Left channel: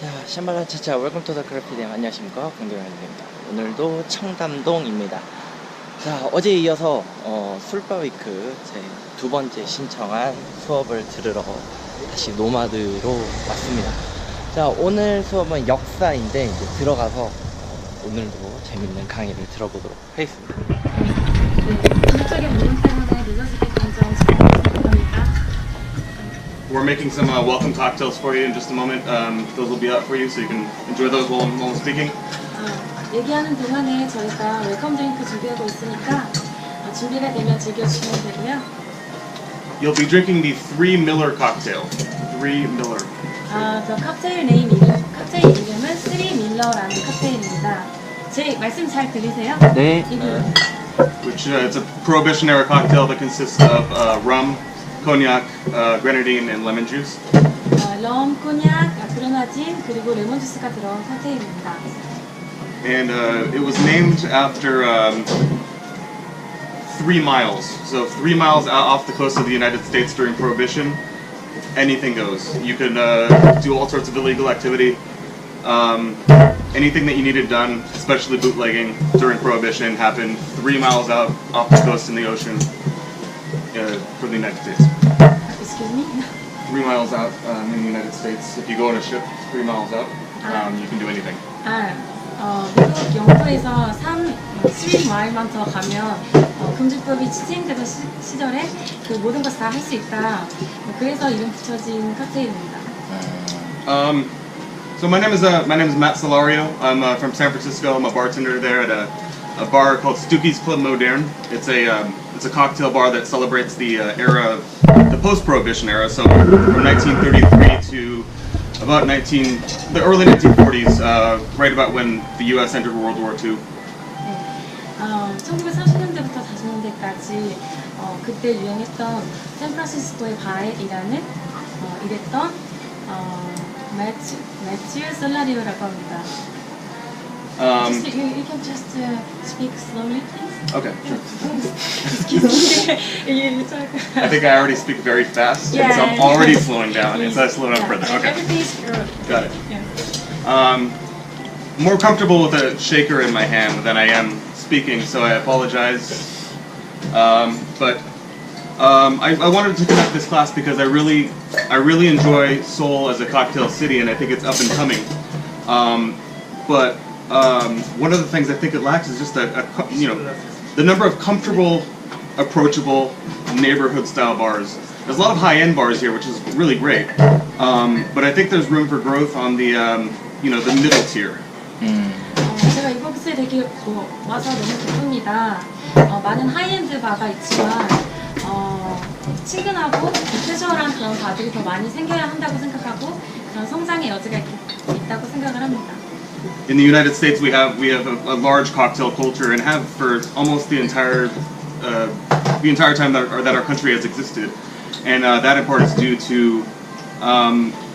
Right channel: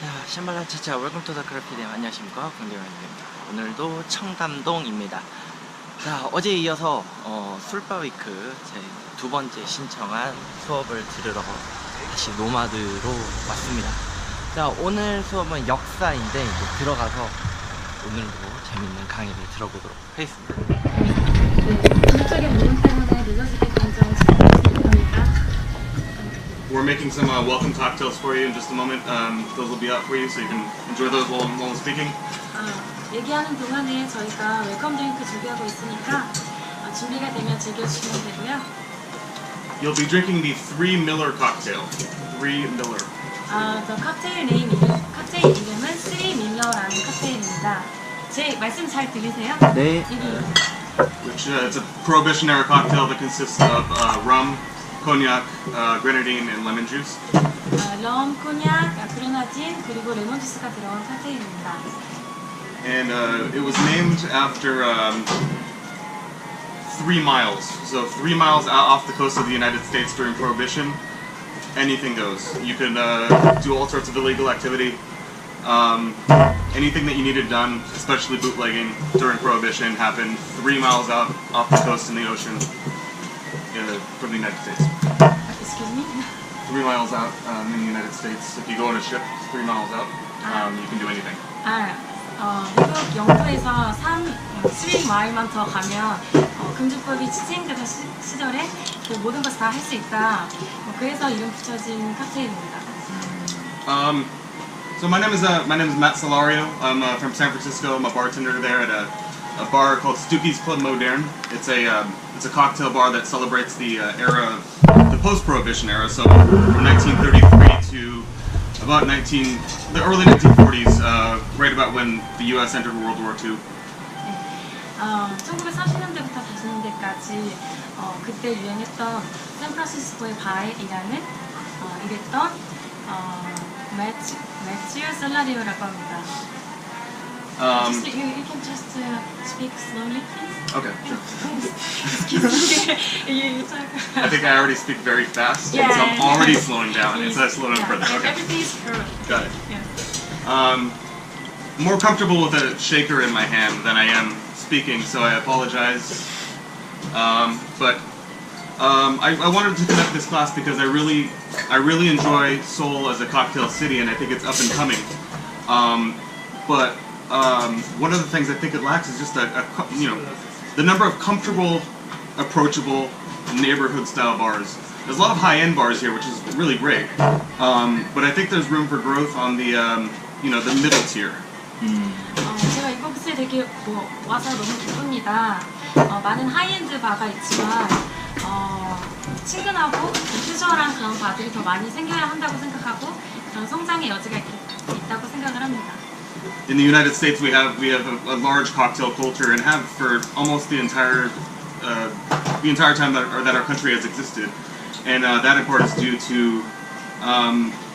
자, 샴발라 차차 웰컴 투 더 크래피데이. 안녕하십니까, 금주법입니다. 오늘도 청담동입니다. 자, 어제에 이어서 술바위크 제 두 번째 신청한 수업을 들으러 다시 노마드로 왔습니다. 자, 오늘 수업은 역사인데 이제 들어가서 오늘도 재밌는 강의를 들어보도록 하겠습니다. 전적인 모임 때문에 늦어지게 감정 죄송합니다. We're making some welcome cocktails for you in just a moment. Those will be out for you, so you can enjoy those while I'm speaking. 얘기하는 동안에 저희가 웰컴 드링크 준비하고 있으니까 준비가 되면 즐겨주시면 되고요. You'll be drinking the 3 Miller cocktail. 3 Miller. 저 칵테일 이름은 3 밀러라는 칵테일입니다. 제 말씀 잘 들리세요? 네. Which it's a Prohibition era cocktail that consists of rum, cognac, grenadine, and lemon juice. 럼, 코냑, 그레나딘 그리고 레몬 주스가 들어간 칵테일입니다. And it was named after 3 miles. So 3 miles off the coast of the United States during Prohibition, anything goes. You could do all sorts of illegal activity. Anything that you needed done, especially bootlegging during Prohibition, happened 3 miles out off the coast in the ocean from the United States. Excuse me? 3 miles out in the United States. If you go on a ship 3 miles out, you can do anything. 미국 영도에서 3마일만 더 가면 금주법이 시행되던 시절에 그 모든 것을 다 할 수 있다. 그래서 이름 붙여진 칵테일입니다. So my name is Matt Solario. I'm from San Francisco. I'm a bartender there at a bar called Stooky's Club Moderne. It's a cocktail bar that celebrates the era of the post-Prohibition era. So from 1933 to about the early 1940s, right about when the U.S. entered World War II. 1930년대부터 40년대까지 그때 유행했던 샌프란시스코의 바에 일했던 매튜 솔라리오라고 합니다. You can just speak slowly, please. Okay, sure. Excuse me. I think I already speak very fast, and so I'm already slowing down, and so I slow down further. Okay. Everything is good. Got it. Yeah. More comfortable with a shaker in my hand than I am speaking, so I apologize. But I wanted to conduct this class because I really enjoy Seoul as a cocktail city, and I think it's up and coming. But one of the things I think it lacks is just the number of comfortable, approachable neighborhood-style bars. There's a lot of high-end bars here, which is really great. But I think there's room for growth on the the middle tier. 제가 이곳에 되게 와서 너무 기쁩니다. 많은 하이엔드 바가 있지만 친근하고 캐주얼한 그런 바들이 더 많이 생겨야 한다고 생각하고 그런 성장의 여지가 있다고 생각을 합니다. In the United States, we have a large cocktail culture and have for almost the entire time that our country has existed, and that in part is due to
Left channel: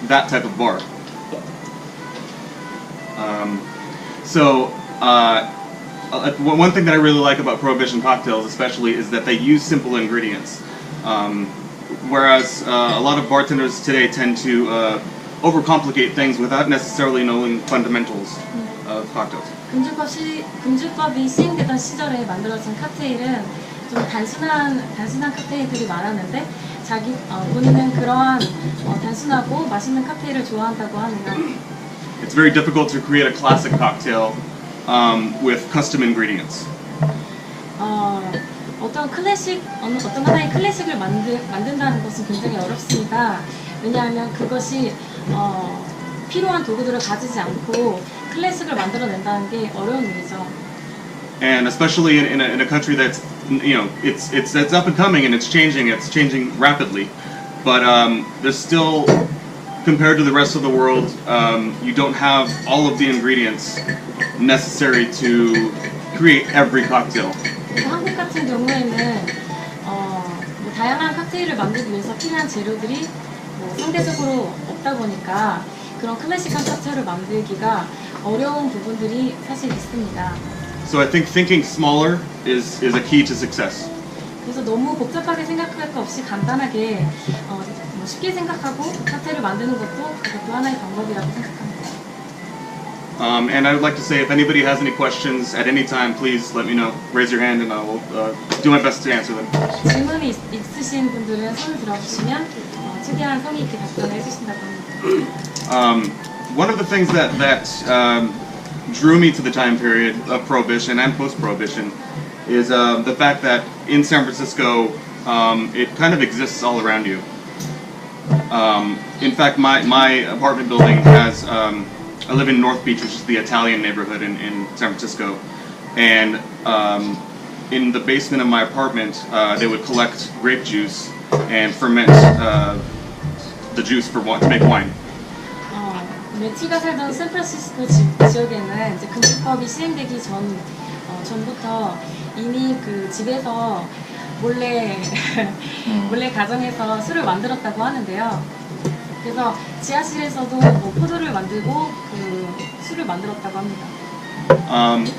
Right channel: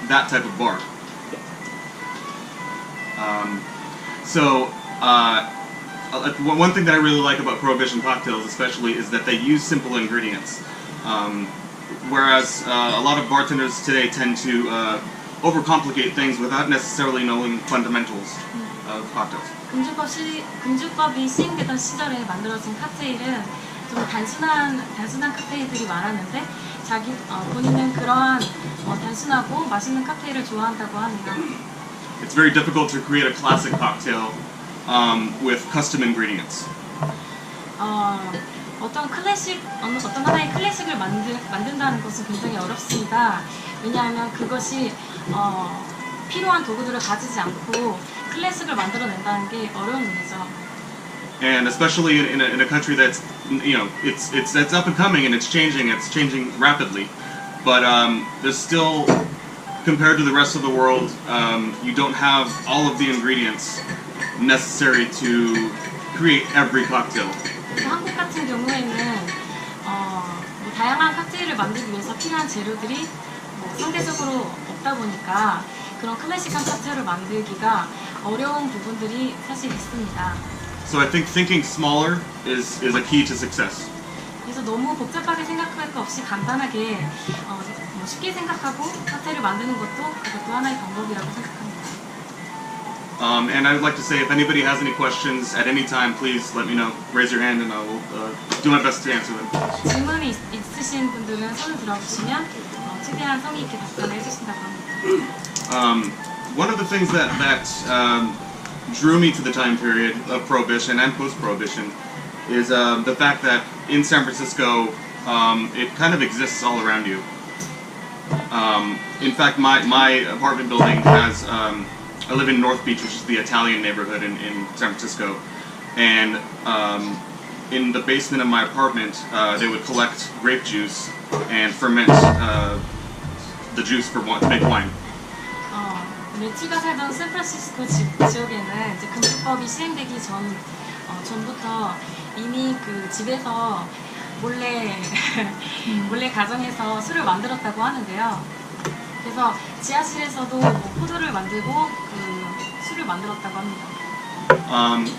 that type of bar. So one thing that I really like about Prohibition cocktails, especially, is that they use simple ingredients, whereas a lot of bartenders today tend to overcomplicate things without necessarily knowing fundamentals of cocktails. 금주법이 시행되던 시절에 만들어진 칵테일은 좀 단순한 칵테일들이 많았는데 본인은 그러한 단순하고 맛있는 칵테일을 좋아한다고 하네요. It's very difficult to create a classic cocktail with custom ingredients. 어떤 하나의 클래식을 만든다는 것은 굉장히 어렵습니다. 왜냐하면 그것이 필요한 도구들을 가지지 않고 클래식을 만들어낸다는 게 어려운 일이죠. And especially in a country that's it's up and coming and it's changing rapidly, but there's still, compared to the rest of the world, you don't have all of the ingredients necessary to create every cocktail. 한국 같은 경우에는 다양한 칵테일을 만들기 위해서 필요한 재료들이 상대적으로 없다 보니까 그런 클래식한 칵테일을 만들기가 어려운 부분들이 사실 있습니다. So I think thinking smaller is a key to success. 그래서 너무 복잡하게 생각할 거 없이 간단하게 뭐 쉽게 생각하고 칵테일을 만드는 그것도 하나의 방법이라고 생각합니다. And I would like to say, if anybody has any questions at any time, please let me know. Raise your hand, and I will do my best to answer them. 질문이 있으신 분들은 손을 들어주시면 최대한 성의 있게 답변을 해주신다고 합니다. One of the things that drew me to the time period of Prohibition and post-Prohibition is the fact that in San Francisco, it kind of exists all around you. In fact, my apartment building has, I live in North Beach, which is the Italian neighborhood in San Francisco, and in the basement of my apartment, they would collect grape juice and ferment the juice to make wine. 레치가 살던 샌프란시스코 지역에는 이제 금주법이 시행되기 전부터 이미 그 집에서 몰래 가정에서 술을 만들었다고 하는데요. 그래서 지하실에서도 뭐 포도를 만들고 그 술을 만들었다고 합니다.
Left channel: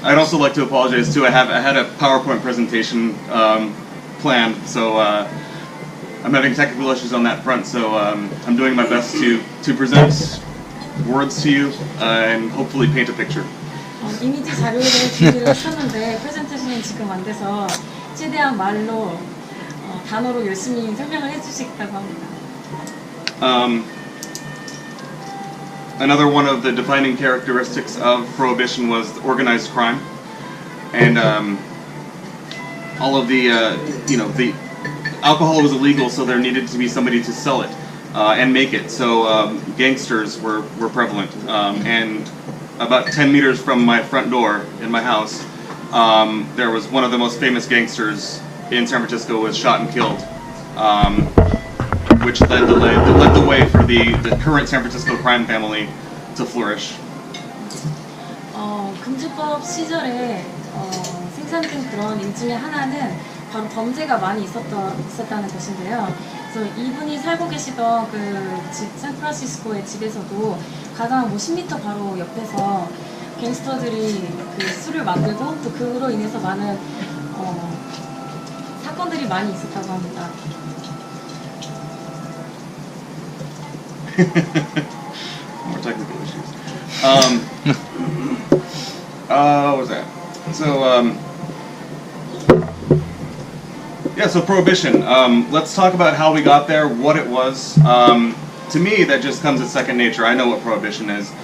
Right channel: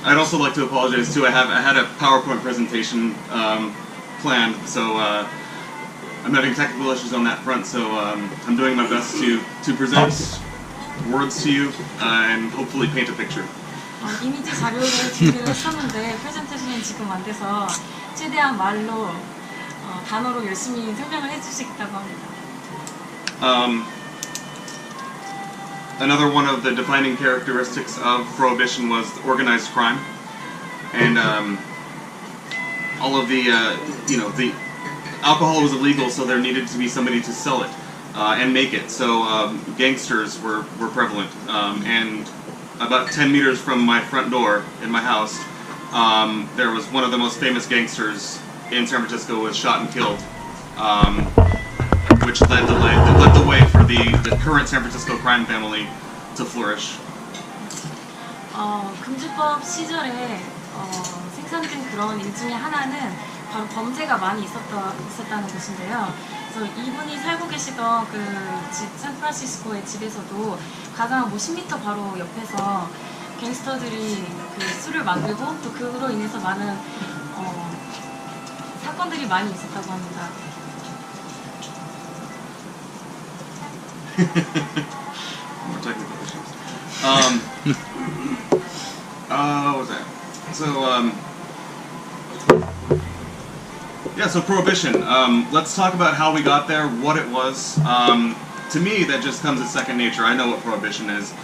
I'd also like to apologize too. I had a PowerPoint presentation planned, so I'm having technical issues on that front. So I'm doing my best to present words to you and hopefully paint a picture. 이미지 자료를 준비를 했었는데 프레젠테이션은 지금 안 돼서 최대한 말로 단어로 열심히 설명을 해주시겠다고 합니다. Another one of the defining characteristics of Prohibition was organized crime, and all of the the alcohol was illegal, so there needed to be somebody to sell it and make it. So gangsters were prevalent, and about 10 meters from my front door in my house, there was one of the most famous gangsters in San Francisco was shot and killed, which led the way for the current San Francisco crime family to flourish. 금주법 시절에 생산된 그런 일 중에 하나는 바로 범죄가 많이 있었다는 것인데요. 그래서 이분이 살고 계시던 그 집, 샌프란시스코의 집에서도 가장 10m 바로 옆에서 갱스터들이 그 술을 만들고 또 그로 인해서 많은 사건들이 많이 있었다고 합니다. More technical issues. What was that? So, yeah, so Prohibition. Let's talk about how we got there, what it was. To me, that just comes as second nature. I know what Prohibition is.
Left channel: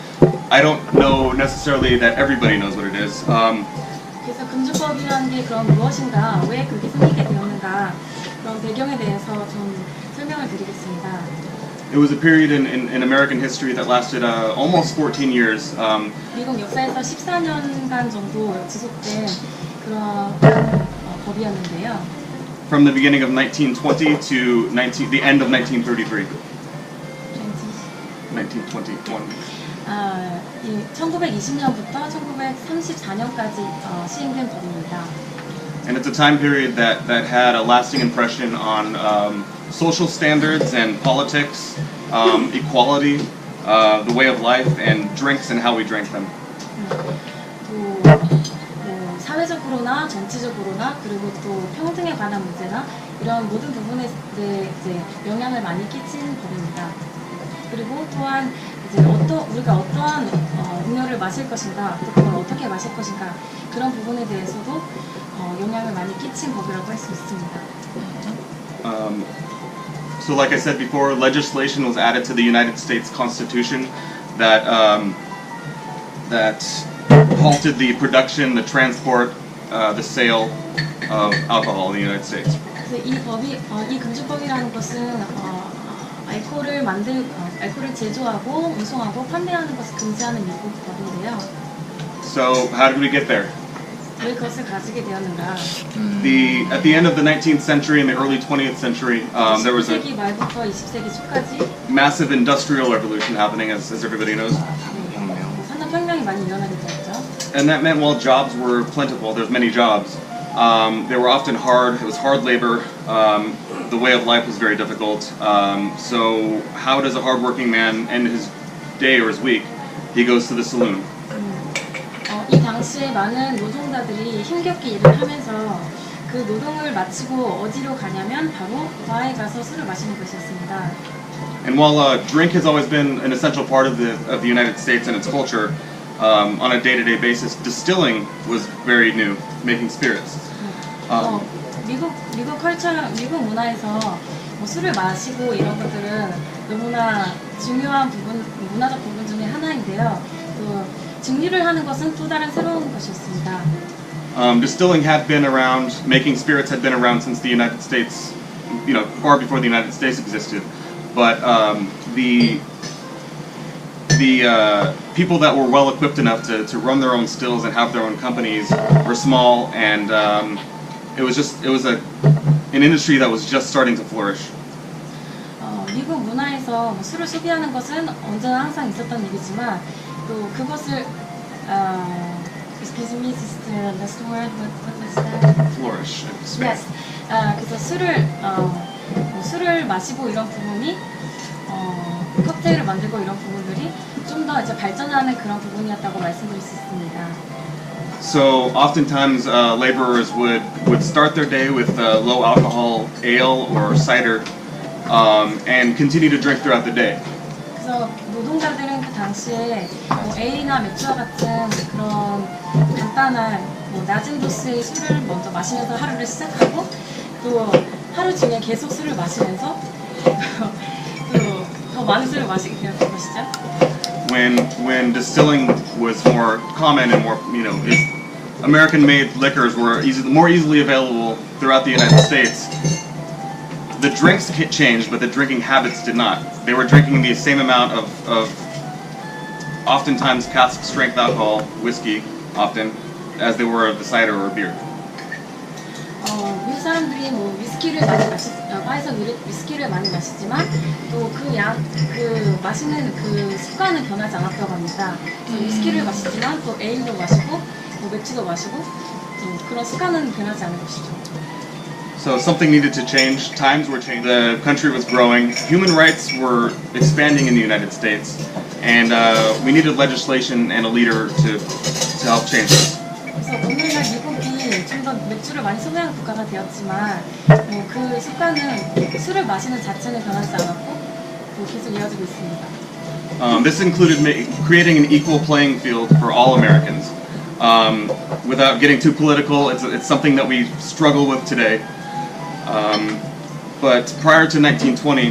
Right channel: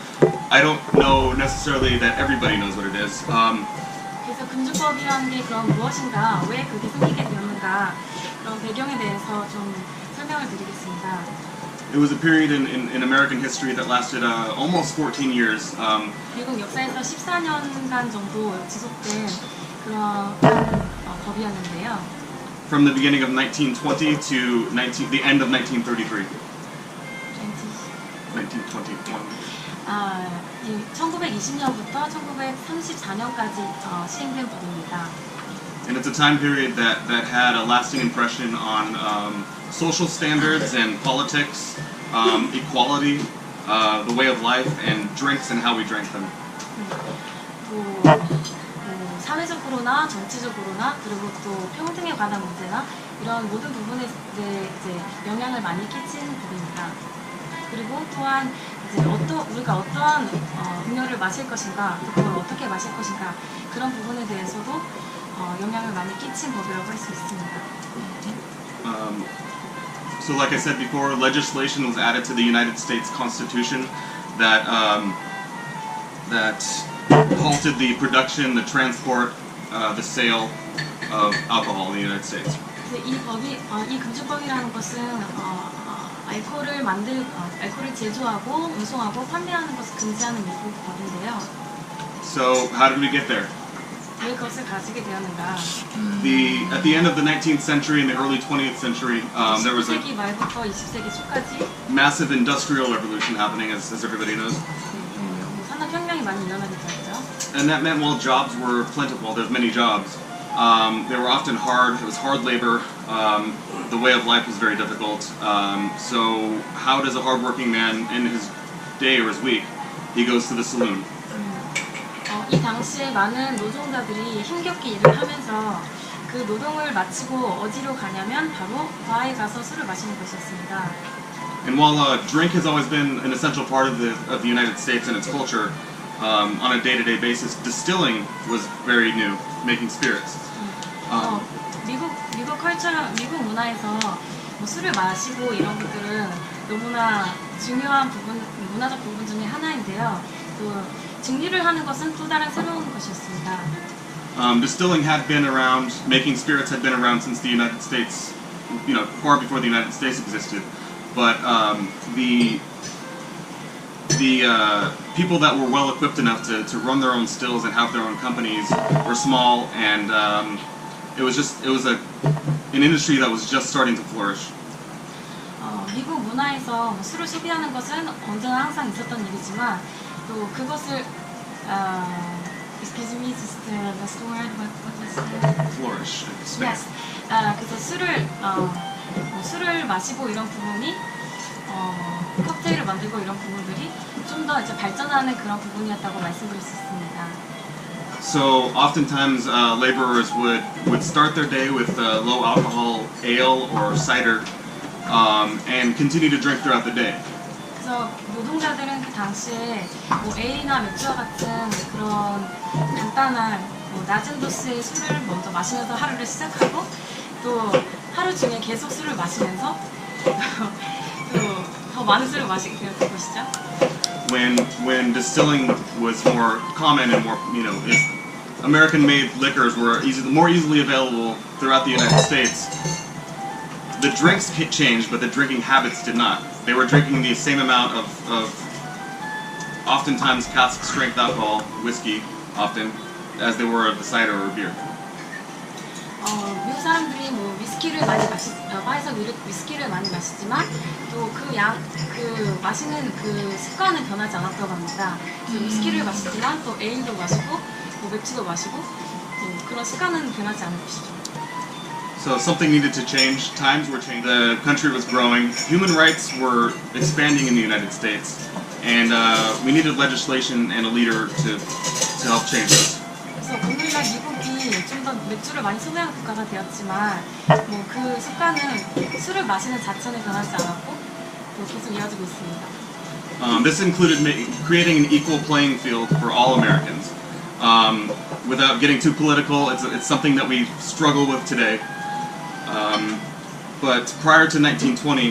I don't know necessarily that everybody knows what it is. 그래서 금주법이라는 게 그럼 무엇인가, 왜 그게 생기게 되었는가, 그런 배경에 대해서 좀 설명을 드리겠습니다. It was a period in American history that lasted almost 14 years. 미국 역사에서 14년간 정도 지속된 그러한 법이었는데요. From the beginning of 1920 to the end of 1933. 1921. 1920년부터 1934년까지 시행된 법입니다. And it's a time period that had a lasting impression on social standards and politics, equality, the way of life, and drinks and how we drank them. 또 사회적으로나 정치적으로나 그리고 또 평등에 관한 문제나 이런 모든 부분에 이제 영향을 많이 끼친 법입니다. 그리고 또한 이제 우리가 어떠한 음료를 마실 것인가, 또 그걸 어떻게 마실 것인가 그런 부분에 대해서도 영향을 많이 끼친 법이라고 할 수 있습니다. So, like I said before, legislation was added to the United States Constitution that halted the production, the transport, the sale of alcohol in the United States. 그래서 이 금주법이라는 것은 알코올을 제조하고 운송하고 판매하는 것을 금지하는 미국 법인데요. So, how did we get there? 왜 그것을 가지게 되었는가? At the end of the 19th century and the early 20th century, there was a 19세기 말부터 20세기 초까지 massive industrial revolution happening, as everybody knows. 산업혁명이 많이 일어나게 되었죠. And that meant while jobs were plentiful, there's many jobs. They were often hard. It was hard labor. The way of life was very difficult. So how does a hardworking man end his day or his week? He goes to the saloon. 이 당시에 많은 노동자들이 힘겹게 일을 하면서 그 노동을 마치고 어디로 가냐면 바로 바에 가서 술을 마시는 것이었습니다. And while drink has always been an essential part of the United States and its culture, on a day-to-day basis, distilling was very new, making spirits. 미국 문화에서 뭐 술을 마시고 이런 것들은 너무나 중요한 문화적 부분 중에 하나인데요. 또 증류를 하는 것은 또 다른 새로운 것이었습니다. Distilling had been around, making spirits had been around since the United States, far before the United States existed. But the people that were well equipped enough to run their own stills and have their own companies were small, and it was an industry that was just starting to flourish. 미국 문화에서 뭐 술을 소비하는 것은 언제나 항상 있었던 일이지만 또 그것을 excuse me, just the last word. What was that? Flourish. Yes. 그래서 술을 마시고 이런 부분이 칵테일을 만들고 이런 부분들이 좀 더 이제 발전하는 그런 부분이었다고 말씀드릴 수 있습니다. So oftentimes laborers would start their day with low alcohol ale or cider, and continue to drink throughout the day. 그래서 노동자들은 그 당시에 뭐 에일이나 맥주와 같은 그런 간단한 뭐 낮은 도수의 술을 먼저 마시면서 하루를 시작하고 또 하루 중에 계속 술을 마시면서 또 더 많은 술을 마시게 되었던 것이죠. When distilling was more common and more, American-made liquors were more easily available throughout the United States, the drinks changed, but the drinking habits did not. They were drinking the same amount of oftentimes cask strength alcohol, whiskey, often, as they were of the cider or beer. 미국 사람들이 뭐 위스키를 많이 바에서 위스키를 많이 마시지만 또 그 마시는 그 습관은 변하지 않았다고 합니다. 위스키를 마시지만 또 에일도 마시고 뭐 맥주도 마시고 또 그런 습관은 변하지 않은 것이죠. So something needed to change. Times were changing. The country was growing. Human rights were expanding in the United States, and we needed legislation and a leader to help change this. 그래서 오늘날 미국이 좀 더 맥주를 많이 소비하는 국가가 되었지만 뭐 그 습관은 술을 마시는 자체는 변하지 않았고 또 계속 이어지고 있습니다. This included creating an equal playing field for all Americans. Without getting too political, it's something that we struggle with today. But prior to 1920,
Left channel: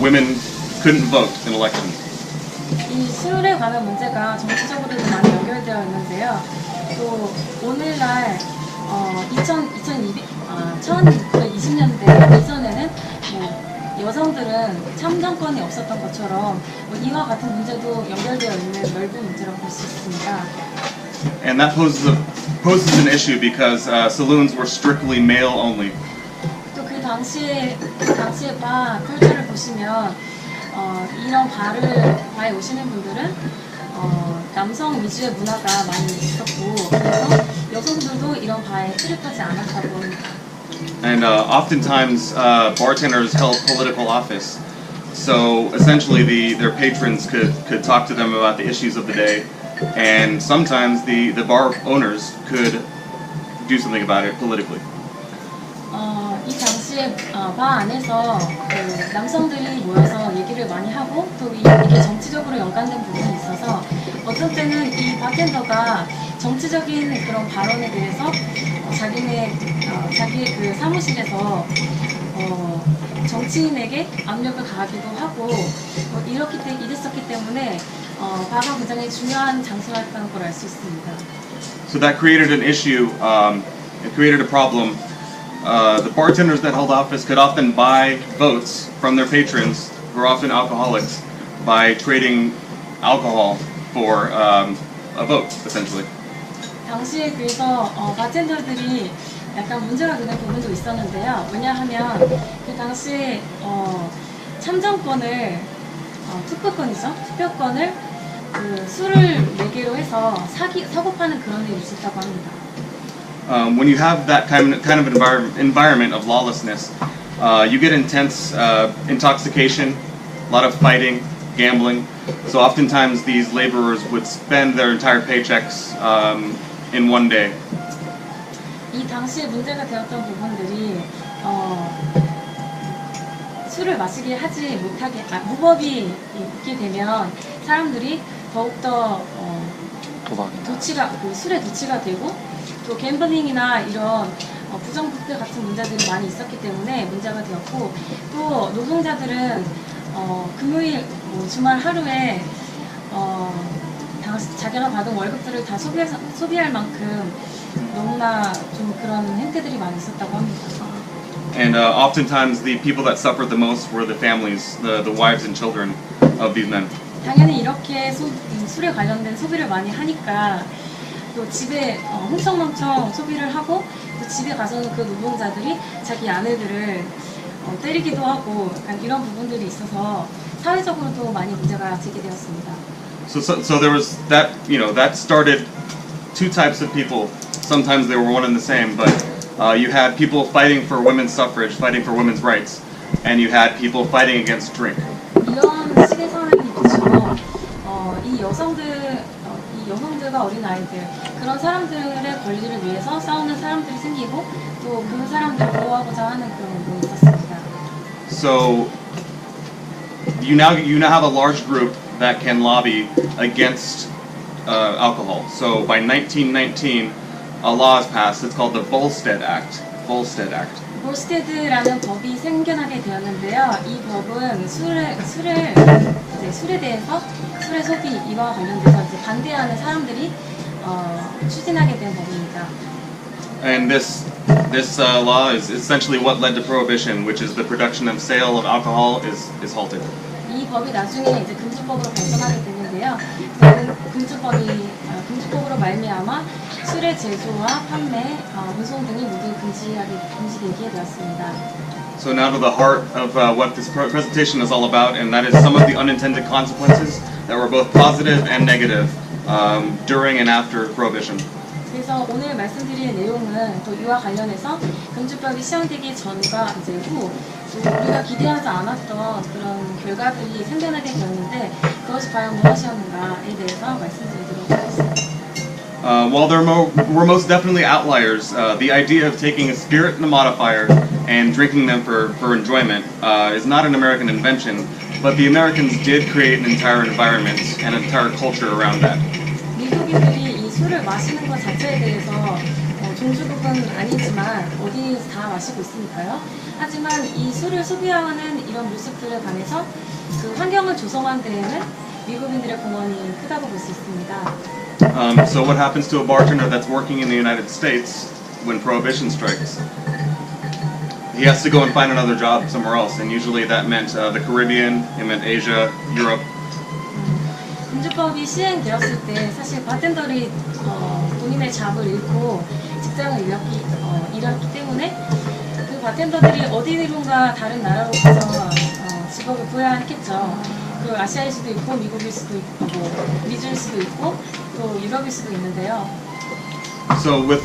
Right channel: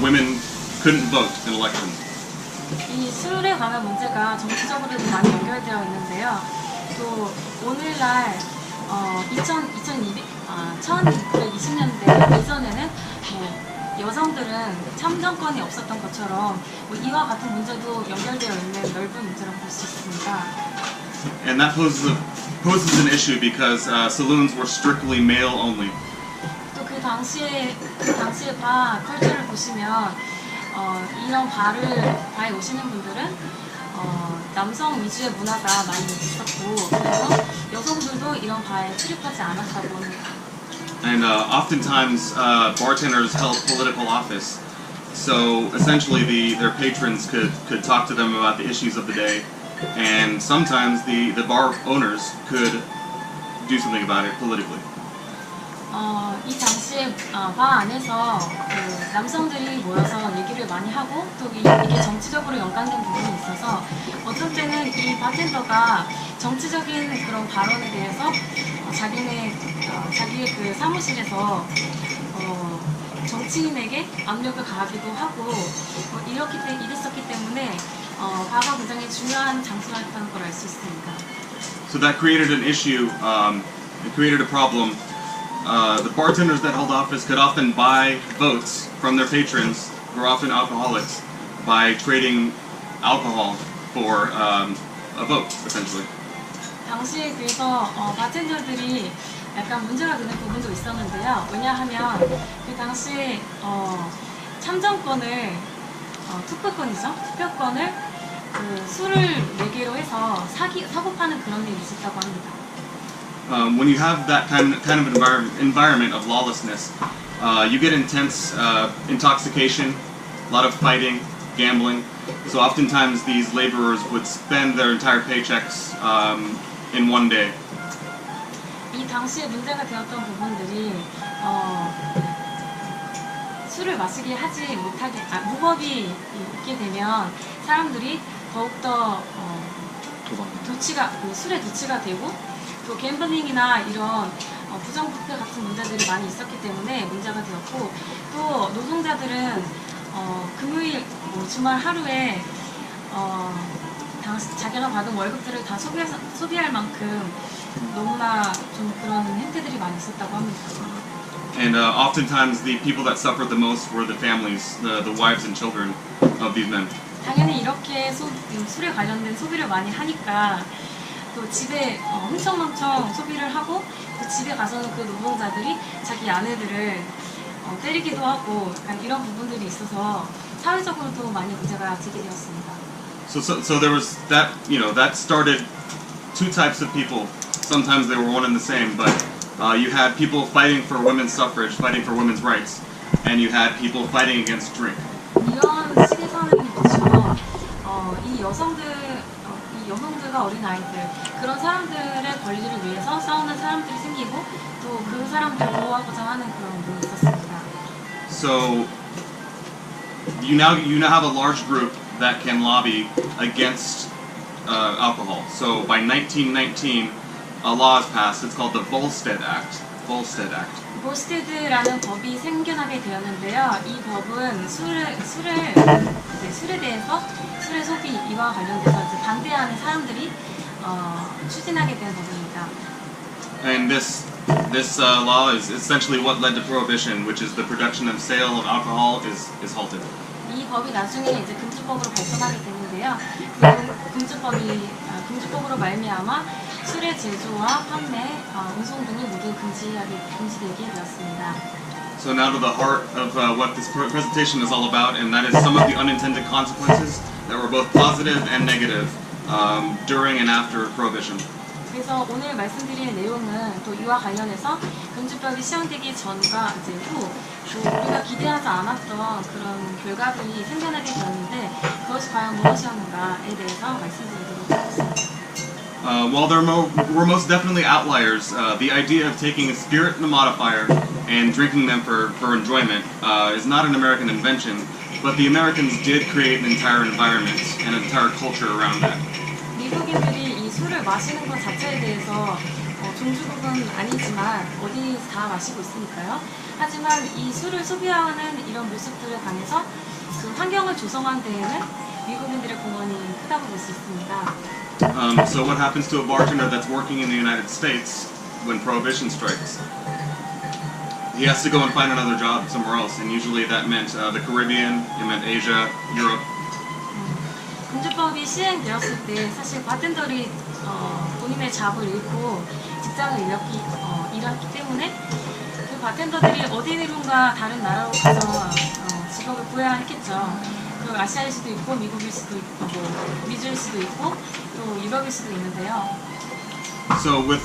women couldn't vote in elections. 이 술에 관한 문제가 정치적으로도 많이 연결되어 있는데요. 또 오늘날 1920년대 이전에는 뭐 여성들은 참정권이 없었던 것처럼 뭐 이와 같은 문제도 연결되어 있는 넓은 문제라고 볼 수 있습니다. And that poses an issue because saloons were strictly male only. 또 그 당시에 바 컬처를 보시면 이런 바에 오시는 분들은 남성 위주의 문화가 많이 있었고 그래서 여성들도 이런 바에 출입하지 않았다고 합니다. And oftentimes bartenders held political office, so essentially their patrons could talk to them about the issues of the day, and sometimes the bar owners could do something about it politically. 이 당시에 바 안에서 그 남성들이 모여서 얘기를 많이 하고 또 이게 정치적으로 연관된 부분이 있어서 어떤 때는 이 바텐더가 정치적인 그런 발언에 대해서 자기의 그 사무실에서 정치인에게 압력을 가하기도 하고 이랬었기 때문에 바가 굉장히 중요한 장소였다는 걸 알 수 있습니다. So that created an issue. It created a problem. The bartenders that held office could often buy votes from their patrons, who are often alcoholics, by trading alcohol for a vote, essentially. 당시에 그래서 바텐더들이 약간 문제가 되는 부분도 있었는데요. 왜냐하면 그 당시에 참정권을 투표권을 그 술을 매개로 해서 사고 파는 그런 일이 있었다고 합니다. When you have that kind of environment of lawlessness, you get intense intoxication, a lot of fighting, gambling. So oftentimes these laborers would spend their entire paychecks in one day. 이 당시에 문제가 되었던 부분들이 술을 마시게 하지 못하게 무법이 있게 되면 사람들이 더욱더 술에 도취가 되고 또 갬블링이나 이런 부정부패 같은 문제들이 많이 있었기 때문에 문제가 되었고 또 노동자들은 금요일 주말 하루에 자기가 받은 월급들을 다 소비할 만큼 너무나 좀 그런 행태들이 많이 있었다고 합니다. And oftentimes the people that suffered the most were the families, the wives and children of these men. 당연히 이렇게 술에 관련된 소비를 많이 하니까 또 집에 흥청망청 소비를 하고 또 집에 가서는 그 노동자들이 자기 아내들을 때리기도 하고 약간 이런 부분들이 있어서 사회적으로도 많이 문제가 제기되었습니다. So there was that, that started two types of people. Sometimes they were one and the same, but you had people fighting for women's suffrage, fighting for women's rights, and you had people fighting against drink. 이런 식에서는 그렇죠. 이 여성들과 어린 아이들 그런 사람들의 권리를 위해서 싸우는 사람들이 생기고 또 그 사람들을 보호하고자 하는 그런 운동이 있었습니다. So you now have a large group that can lobby against alcohol. So by 1919, a law is passed. It's called the Volstead Act. 볼스테드라는 법이 생겨나게 되었는데요. 이 법은 술에 대해서 술의 소비 이와 관련돼서 이제 반대하는 사람들이 추진하게 된 법입니다. And this law is essentially what led to prohibition, which is the production and sale of alcohol is halted. 이 법이 나중에 이제 금주법으로 발전하게 되는데요. 그 금주법으로 말미암아 술의 제조와 판매, 운송 등이 모두 금지되게 되었습니다. So now to the heart of what this presentation is all about, and that is some of the unintended consequences that were both positive and negative during and after prohibition. 그래서 오늘 말씀드릴 내용은 또 이와 관련해서 금주법이 시행되기 전과 이제 후 또 우리가 기대하지 않았던 그런 결과들이 생겨나게 되었는데 그것이 과연 무엇이었는가에 대해서 말씀드리도록 하겠습니다. While there were most definitely outliers, the idea of taking a spirit and a modifier and drinking them for enjoyment is not an American invention, but the Americans did create an entire environment and an entire culture around that. 미국인들이 이 술을 마시는 것 자체에 대해서 종주국은 아니지만 어디서 다 마시고 있으니까요. 하지만 이 술을 소비하는 이런 모습들에 관해서 그 환경을 조성한 데에는 미국인들의 공헌이 크다고 볼 수 있습니다. So what happens to a bartender that's working in the United States when prohibition strikes? He has to go and find another job somewhere else, and usually that meant the Caribbean, it meant Asia, Europe. 금주법이 시행되었을 때 사실 바텐더들이 본인의 잡을 잃고 직장을 잃었기 때문에 그 바텐더들이 어디론가 다른 나라로 가서 직업을 구해야 했겠죠. 그 아시아일 수도 있고 미국일 수도 있고 미주일 수도 있고 또 유럽일 수도 있는데요. So with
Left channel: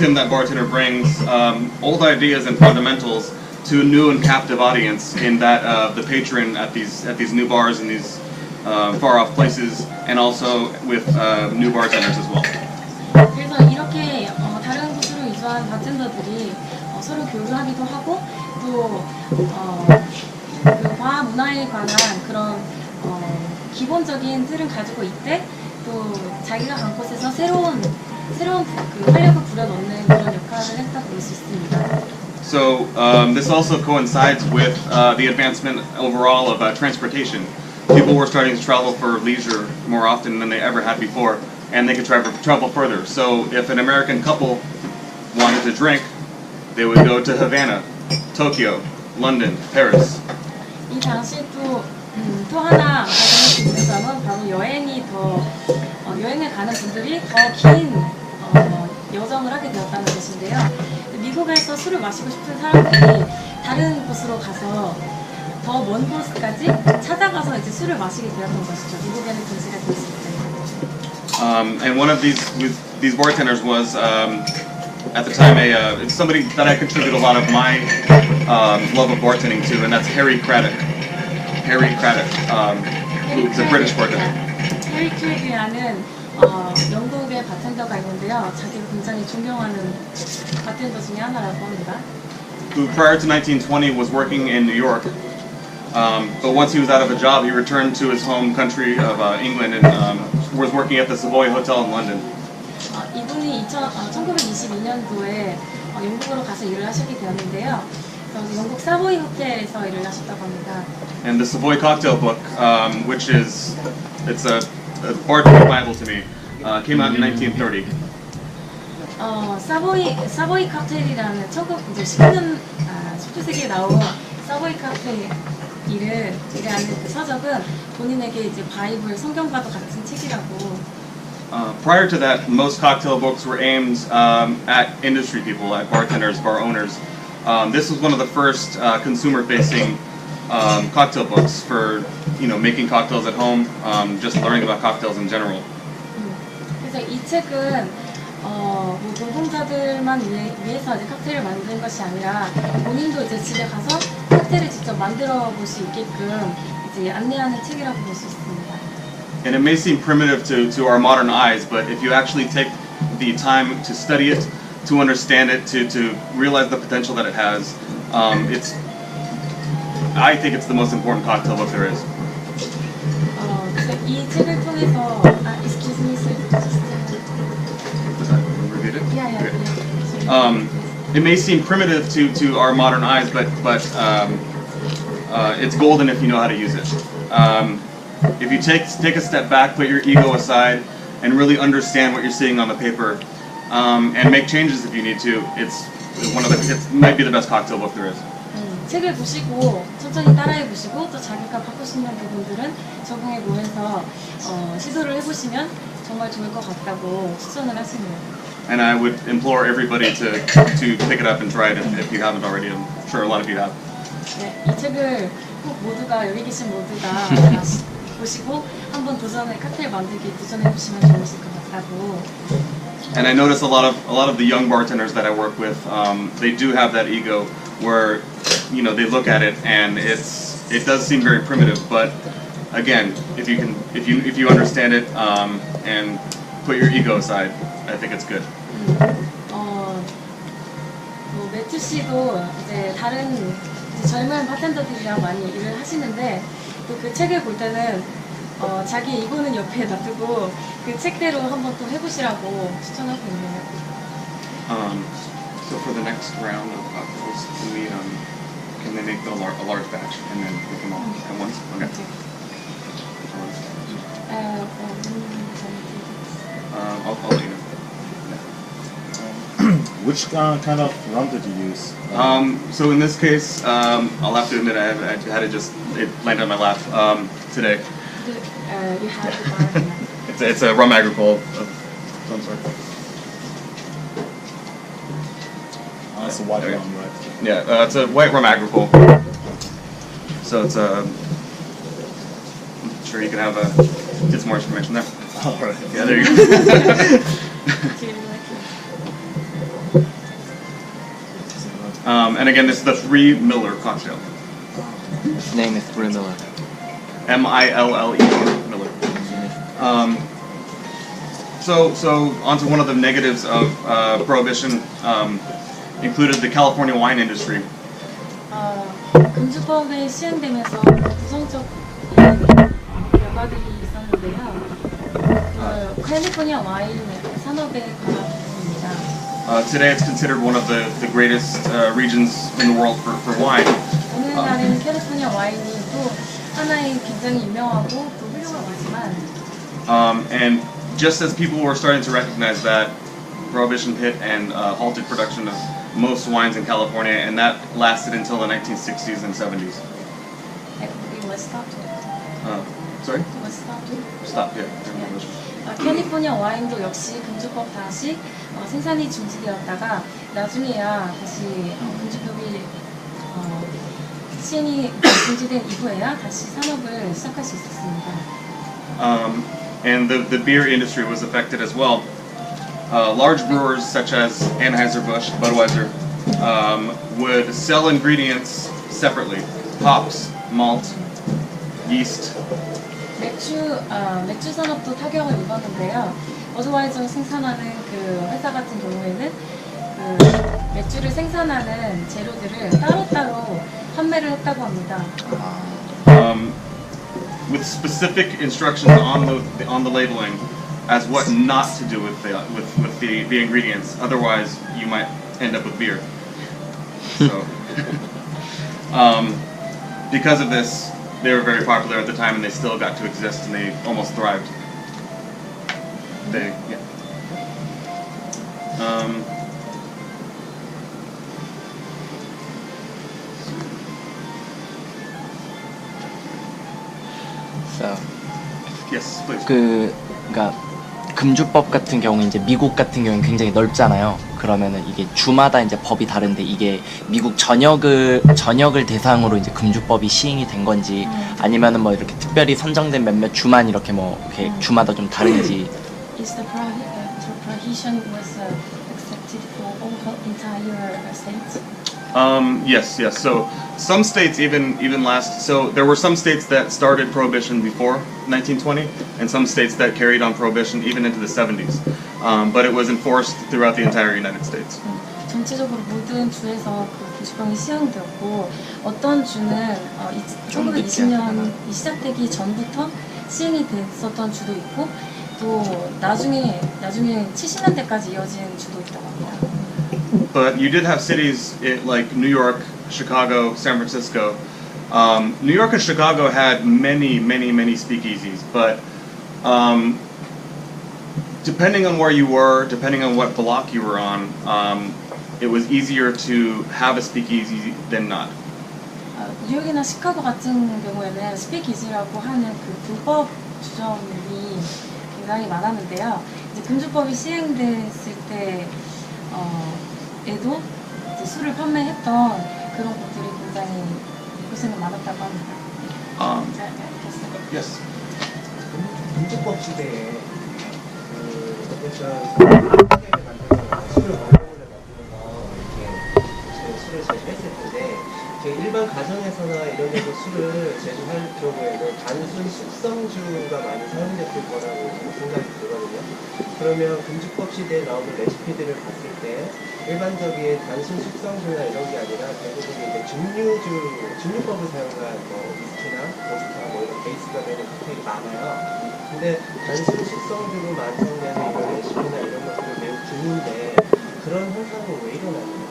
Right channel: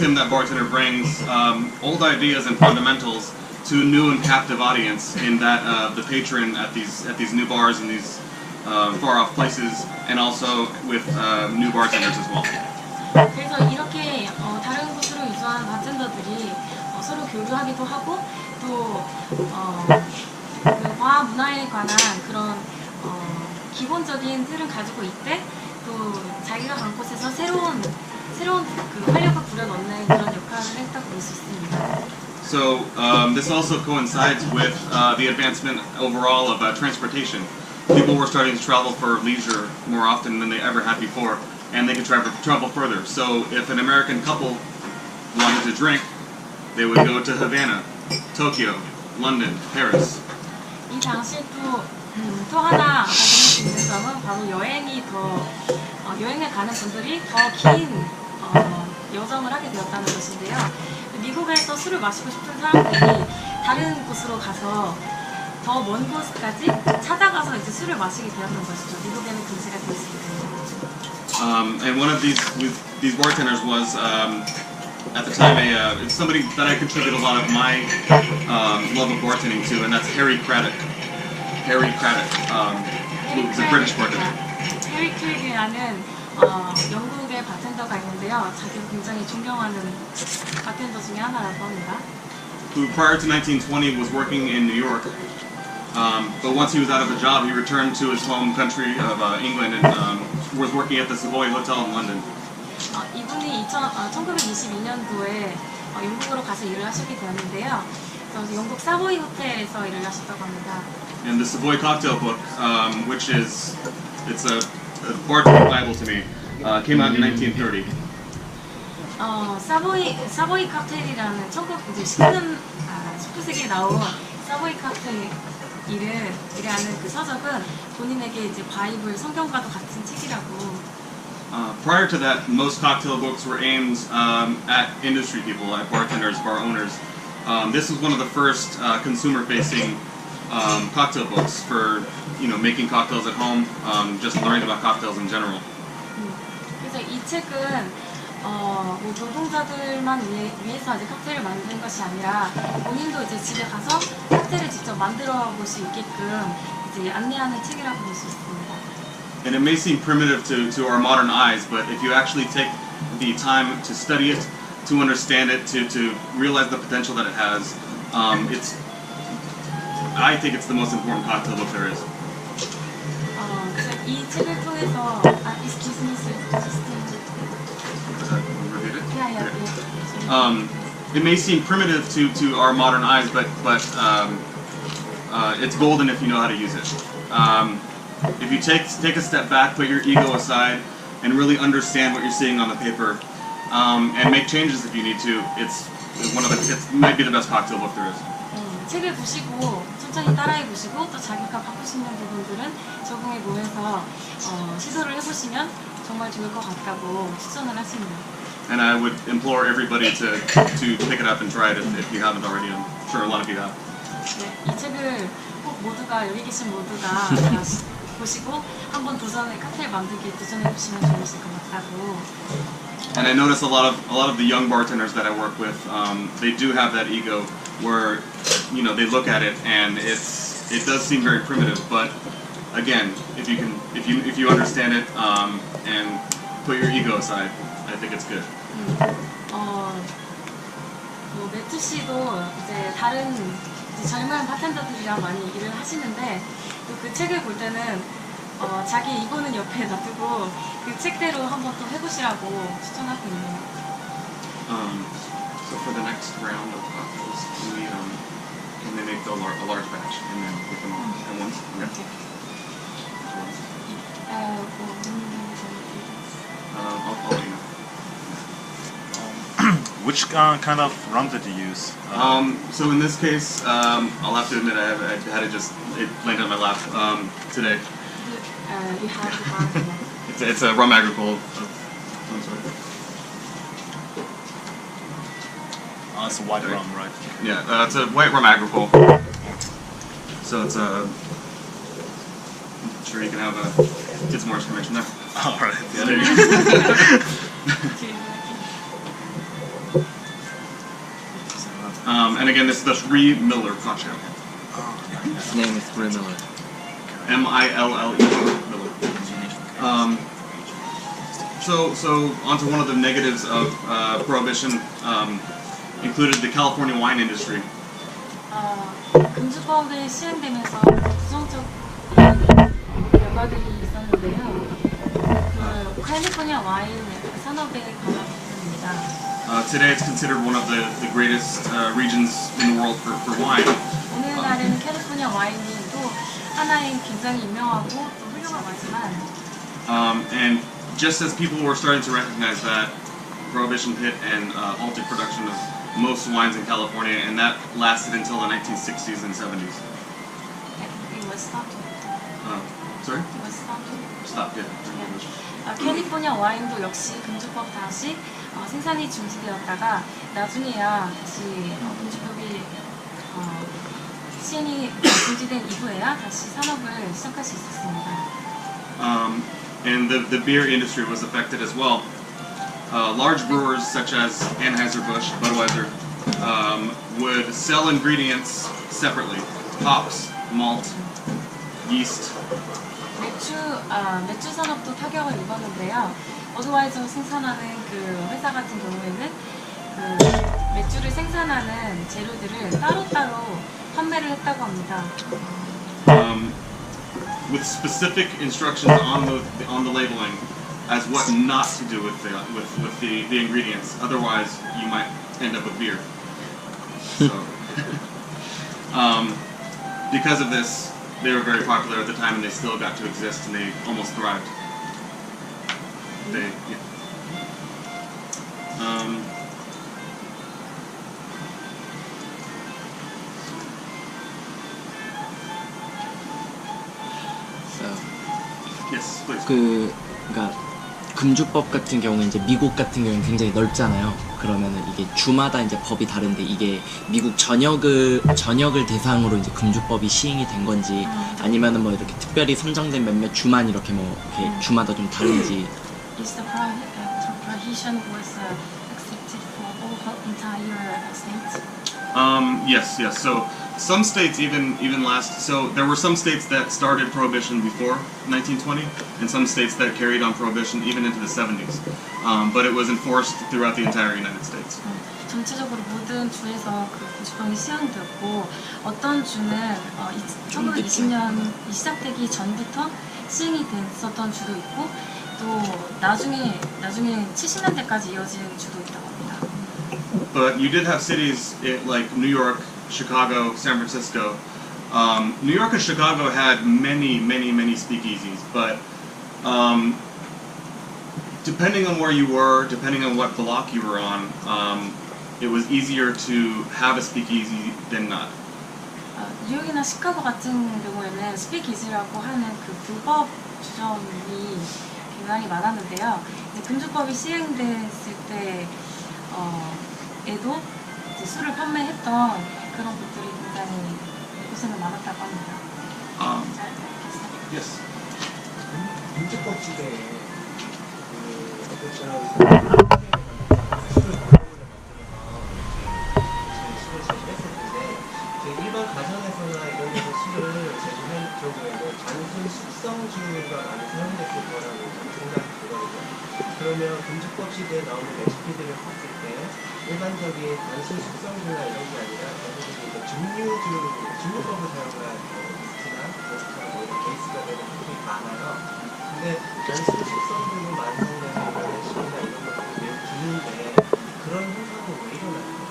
him, that bartender brings old ideas and fundamentals to a new and captive audience. In that the patron at these new bars and these far off places, and also with new bartenders as well. 그래서 이렇게 다른 곳으로 이주한 바텐더들이 서로 교류하기도 하고 또 그 과학 문화에 관한 그런 기본적인 틀은 가지고 있대 또 자기가 간 곳에서 새로운 그 활력을 불어넣는 그런 역할을 했다고 볼 수 있습니다. So this also coincides with the advancement overall of transportation. People were starting to travel for leisure more often than they ever had before, and they could travel further. So if an American couple wanted to drink, they would go to Havana, Tokyo, London, Paris. 이 당시에 또 하나 발견할 수 있는 점은 바로 여행을 가는 분들이 더 긴 여정을 하게 되었다는 것인데요. 미국에서 술을 마시고 싶은 사람들이 다른 곳으로 가서 더 먼 곳까지 찾아가서 이제 술을 마시게 되었던 것이죠. 미국에는 금지가 되었습니다. And one of these bartenders was at the time it's somebody that I contribute a lot of my love of bartending to, and that's Harry Craddock. Who's a British bartender. 해리 크랙이라는 영국의 바텐더가 있는데요. 자기가 굉장히 존경하는 바텐더 중에 하나라고 합니다. Who prior to 1920 was working in New York, but once he was out of a job, he returned to his home country of England and was working at the Savoy Hotel in London. 이분이 1922년도에 영국으로 가서 일을 하시게 되었는데요. 그래서 영국 사보이 호텔에서 일을 하셨다고 합니다. And the Savoy Cocktail Book, which is it's a bartender Bible to me, came out in 1930. 사보이 칵테일이라는 19세기에 나온 사보이 칵테일이라는 그 서적은 본인에게 이제 바이블 성경과도 같은 책이라고. Prior to that, most cocktail books were aimed at industry people, at bartenders, bar owners. This was one of the first consumer-facing cocktail books for making cocktails at home, just learning about cocktails in general. 그래서 이 책은 뭐 노동자들만 위해서 이제 칵테일을 만든 것이 아니라 본인도 이제 집에 가서 칵테일을 직접 만들어 볼 수 있게끔 이제 안내하는 책이라고 볼 수 있습니다. And it may seem primitive to our modern eyes, but if you actually take the time to study it, to understand it, to realize the potential that it has, I think it's the most important cocktail book there is. 그래서 이 책을 통해서 excuse me, sir, just Repeat it? yeah. It may seem primitive to our modern eyes, but it's golden if you know how to use it. If you take a step back, put your ego aside, and really understand what you're seeing on the paper, and make changes if you need to, it might be the best cocktail book there is. 책을 보시고 천천히 따라해 보시고 또 자기가 바꿀 수 있는 부분들은 적응해 보면서 시도를 해보시면 정말 좋을 것 같다고 추천을 하시네요. And I would implore everybody to pick it up and try it if you haven't already. I'm sure a lot of you have. 네, 이 책을 꼭 모두가 여기 계신 모두가 보시고 한번 칵테일 만들기 도전해 보시면 좋으실 것 같다고. And I notice a lot of the young bartenders that I work with, they do have that ego where they look at it and it does seem very primitive, but again, if you understand it and put your ego aside, I think it's good. 뭐 매튜 씨도 이제 다른 이제 젊은 바텐더들이랑 많이 일을 하시는데 또 그 책을 볼 때는 자기 이고는 옆에 놔두고 그 책대로 한번 또 해보시라고 추천하고 있네요. So for the next round of cocktails, can they make a large batch and then put them all at once? Okay. I'll let you know. Which kind of rum did you use? So in this case, I'll have to admit I had it landed on my lap today. You have the bar. It's a rum agricole of some sort. It's a white rum, right? Yeah, it's a white rum agricole. So it's I'm sure you can get some more information there. All right. Yeah, there you go. And again, this is the 3 Miller cocktail. His name is Miller. Mille. Miller. So onto one of the negatives of prohibition, included the California wine industry. 금주법이 시행되면서 부정적인 결과들이 있었는데요. 그 캘리포니아 와인 산업에 관한 부분입니다. Today it's considered one of the greatest regions in the world for wine. 오늘날에는 캘리포니아 와인이 또 하나의 굉장히 유명하고 또 훌륭하지만 And just as people were starting to recognize that, prohibition hit and halted production of most wines in California, and that lasted until the 1960s and 70s. It was stopped. Sorry? It was stopped. Stop, yeah. 캘리포니아 와인도 역시 금주법 다시 생산이 중지되었다가 나중에야 다시 금주법이 시행이 중지된 이후에야 다시 산업을 시작할 수 있었습니다. And the beer industry was affected as well. Large brewers such as Anheuser-Busch, Budweiser, would sell ingredients separately: hops, malt, yeast, 맥주 산업도 타격을 입었는데요. 버드와이저 생산하는 그 회사 같은 경우에는 그 맥주를 생산하는 재료들을 따로따로 판매를 했다고 합니다. With specific instructions on the labeling as what not to do with the ingredients. Otherwise, you might end up with beer. So, because of this, they were very popular at the time, and they still got to exist, and they almost thrived. Yeah. So, Yes, please. 그러니까 금주법 같은 경우는 이제 미국 같은 경우는 굉장히 넓잖아요. 그러면은 이게 주마다 이제 법이 다른데 이게 미국 전역을 대상으로 이제 금주법이 시행이 된 건지 아니면은 뭐 이렇게 특별히 선정된 몇몇 주만 이렇게 뭐 이렇게 주마다 좀 다른지. Is the prohibition was accepted for all entire states? Yes. So some states even last. So there were some states that started prohibition before 1920, and some states that carried on prohibition even into the 70s. But it was enforced throughout the entire United States. 전체적으로 모든 주에서 그 금주법이 시행되었고 어떤 주는 1920년이 시작되기 전부터 시행이 됐었던 주도 있고 또 나중에 70년대까지 이어진 주도 있다고 합니다. But you did have cities like New York, Chicago, San Francisco. New York and Chicago had many speakeasies, but depending on where you were, depending on what block you were on, it was easier to have a speakeasy than not. 뉴욕이나 시카고 같은 경우에는 스피키지라고 하는 그 불법 주점이 굉장히 많았는데요. 이제 금주법이 시행됐을 때에도 이제 술을 판매했던 그런 곳들이 굉장히 이곳에는 많았다고 합니다. Yes. 금주법 시대에 어쨌든 칵테일을 만들거나 술을 몰래 만들어서 이렇게 술을 제조했을 텐데 일반 가정에서나 이런 데서 술을 제조할 경우에는 단순 숙성주가 많이 사용됐을 거라고 생각이 들거든요. 그러면 금주법 시대에 나오는 레시피들을 봤을 때 일반적인 단순 숙성주나 이런 게 아니라 대부분 이제 증류법을 사용한 위스키나 보드카 이런 베이스가 되는 칵테일이 많아요. 근데 단순 숙성주로 완성되는 이런 레시피나 이런 것들은 매우 드문데 그런 현상은 왜 일어나는 거죠?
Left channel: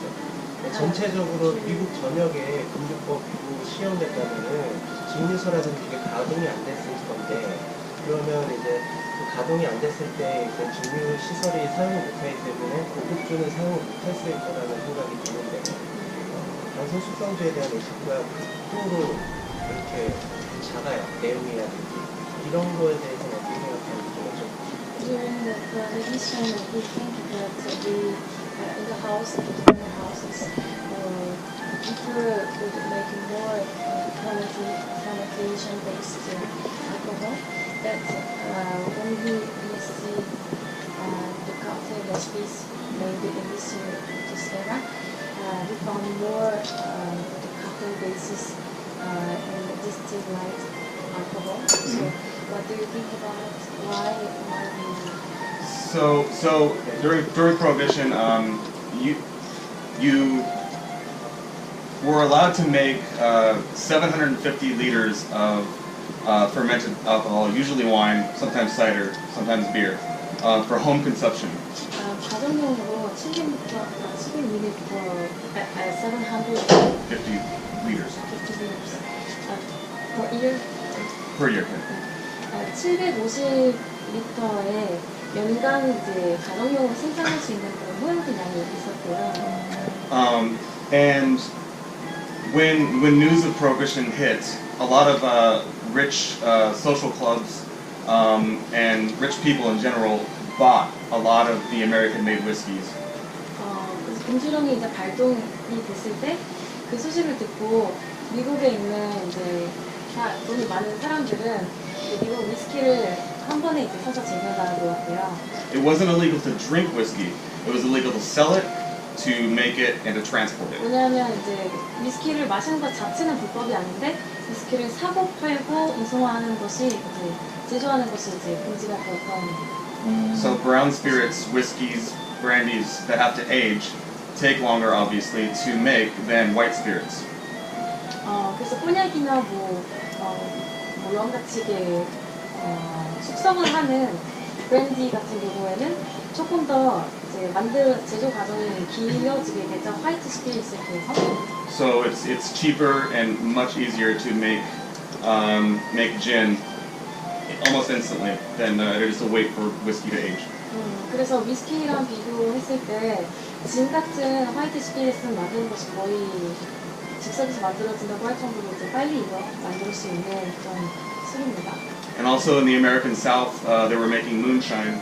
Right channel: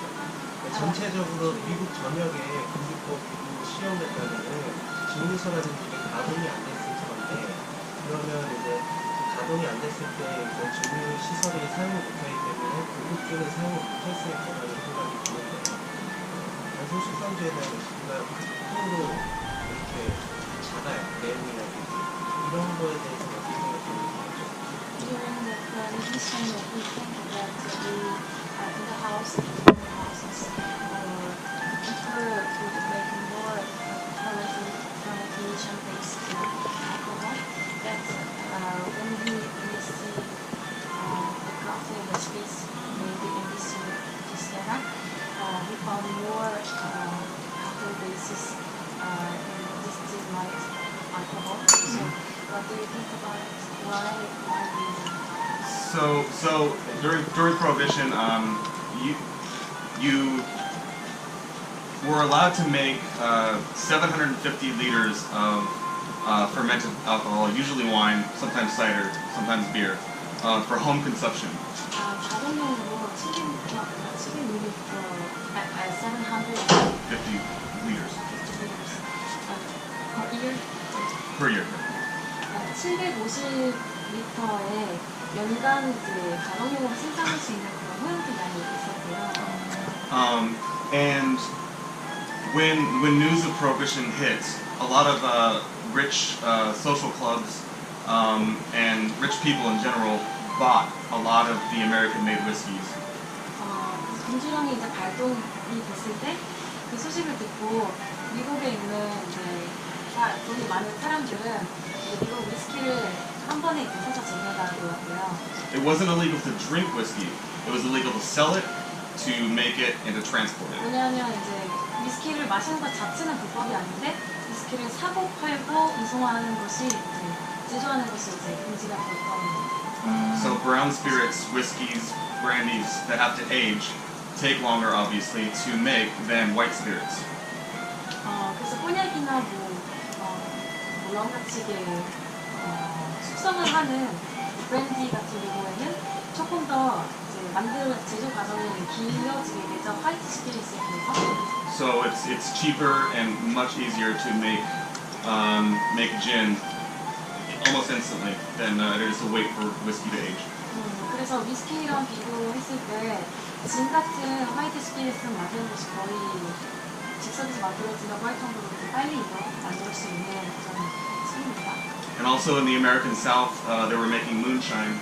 전체적으로 미국 전역에 금주법으로 시행됐다면은 증류소라든지 이게 가동이 안 됐을 건데 그러면 이제 그 가동이 안 됐을 때 이제 증류 시설이 사용을 못하기 때문에 고급주는 사용을 못했을 거라는 생각이 드는데 단순 숙성주에 대한 레시피가 극도로 그렇게 작아요. 내용이라든지 이런 거에 대해서 어떻게 생각하는지 좀. During the prohibition, we think that we in the house, in the houses, or people would make more fermentation-based alcohol. That when we see the cocktail recipes made in this era, we found more the cocktail bases in distilled alcohol. So, what do you think about it? Why we? So during Prohibition, you were allowed to make 750 liters of fermented alcohol, usually wine, sometimes cider, sometimes beer, for home consumption. 가정용으로 700ml, 750 50 liters liters per year. per year. 750리터의 연간 이제 가정용으로 생산할 수 있는 그런 호용기 양이 있었고요. And when news of Prohibition hit, a lot of rich social clubs and rich people in general bought a lot of the American-made whiskeys. 그래서 금주령이 이제 발동이 됐을 때 그 소식을 듣고 미국에 있는 이제 돈이 많은 사람들은 이제 미국 위스키를 한 번에 이제 사서 제조해다 놓았고요. It wasn't illegal to drink whiskey. It was illegal to sell it, to make it, and to transport it. 왜냐하면 이제 위스키를 마시는 것 자체는 불법이 아닌데 위스키를 사고 팔고 운송하는 것이 이제 제조하는 것이 이제 금지가 되었던. So brown spirits, whiskeys, brandies that have to age take longer, obviously, to make than white spirits. 그래서 꼬냑이나 뭐 영같이게 숙성을 하는 브랜디 같은 경우에는 조금 더 이제 제조 과정이 길어지게 되죠. 화이트 스피릿에 비해서. So it's cheaper and much easier to make gin almost instantly than it is to wait for whiskey to age. 그래서 위스키랑 비교했을 때 진 같은 화이트 스피릿은 만드는 것이 거의 즉석에서 만들어진다고 할 정도로 이제 빨리 만들 수 있는 그런 술입니다. And also in the American South, they were making moonshine,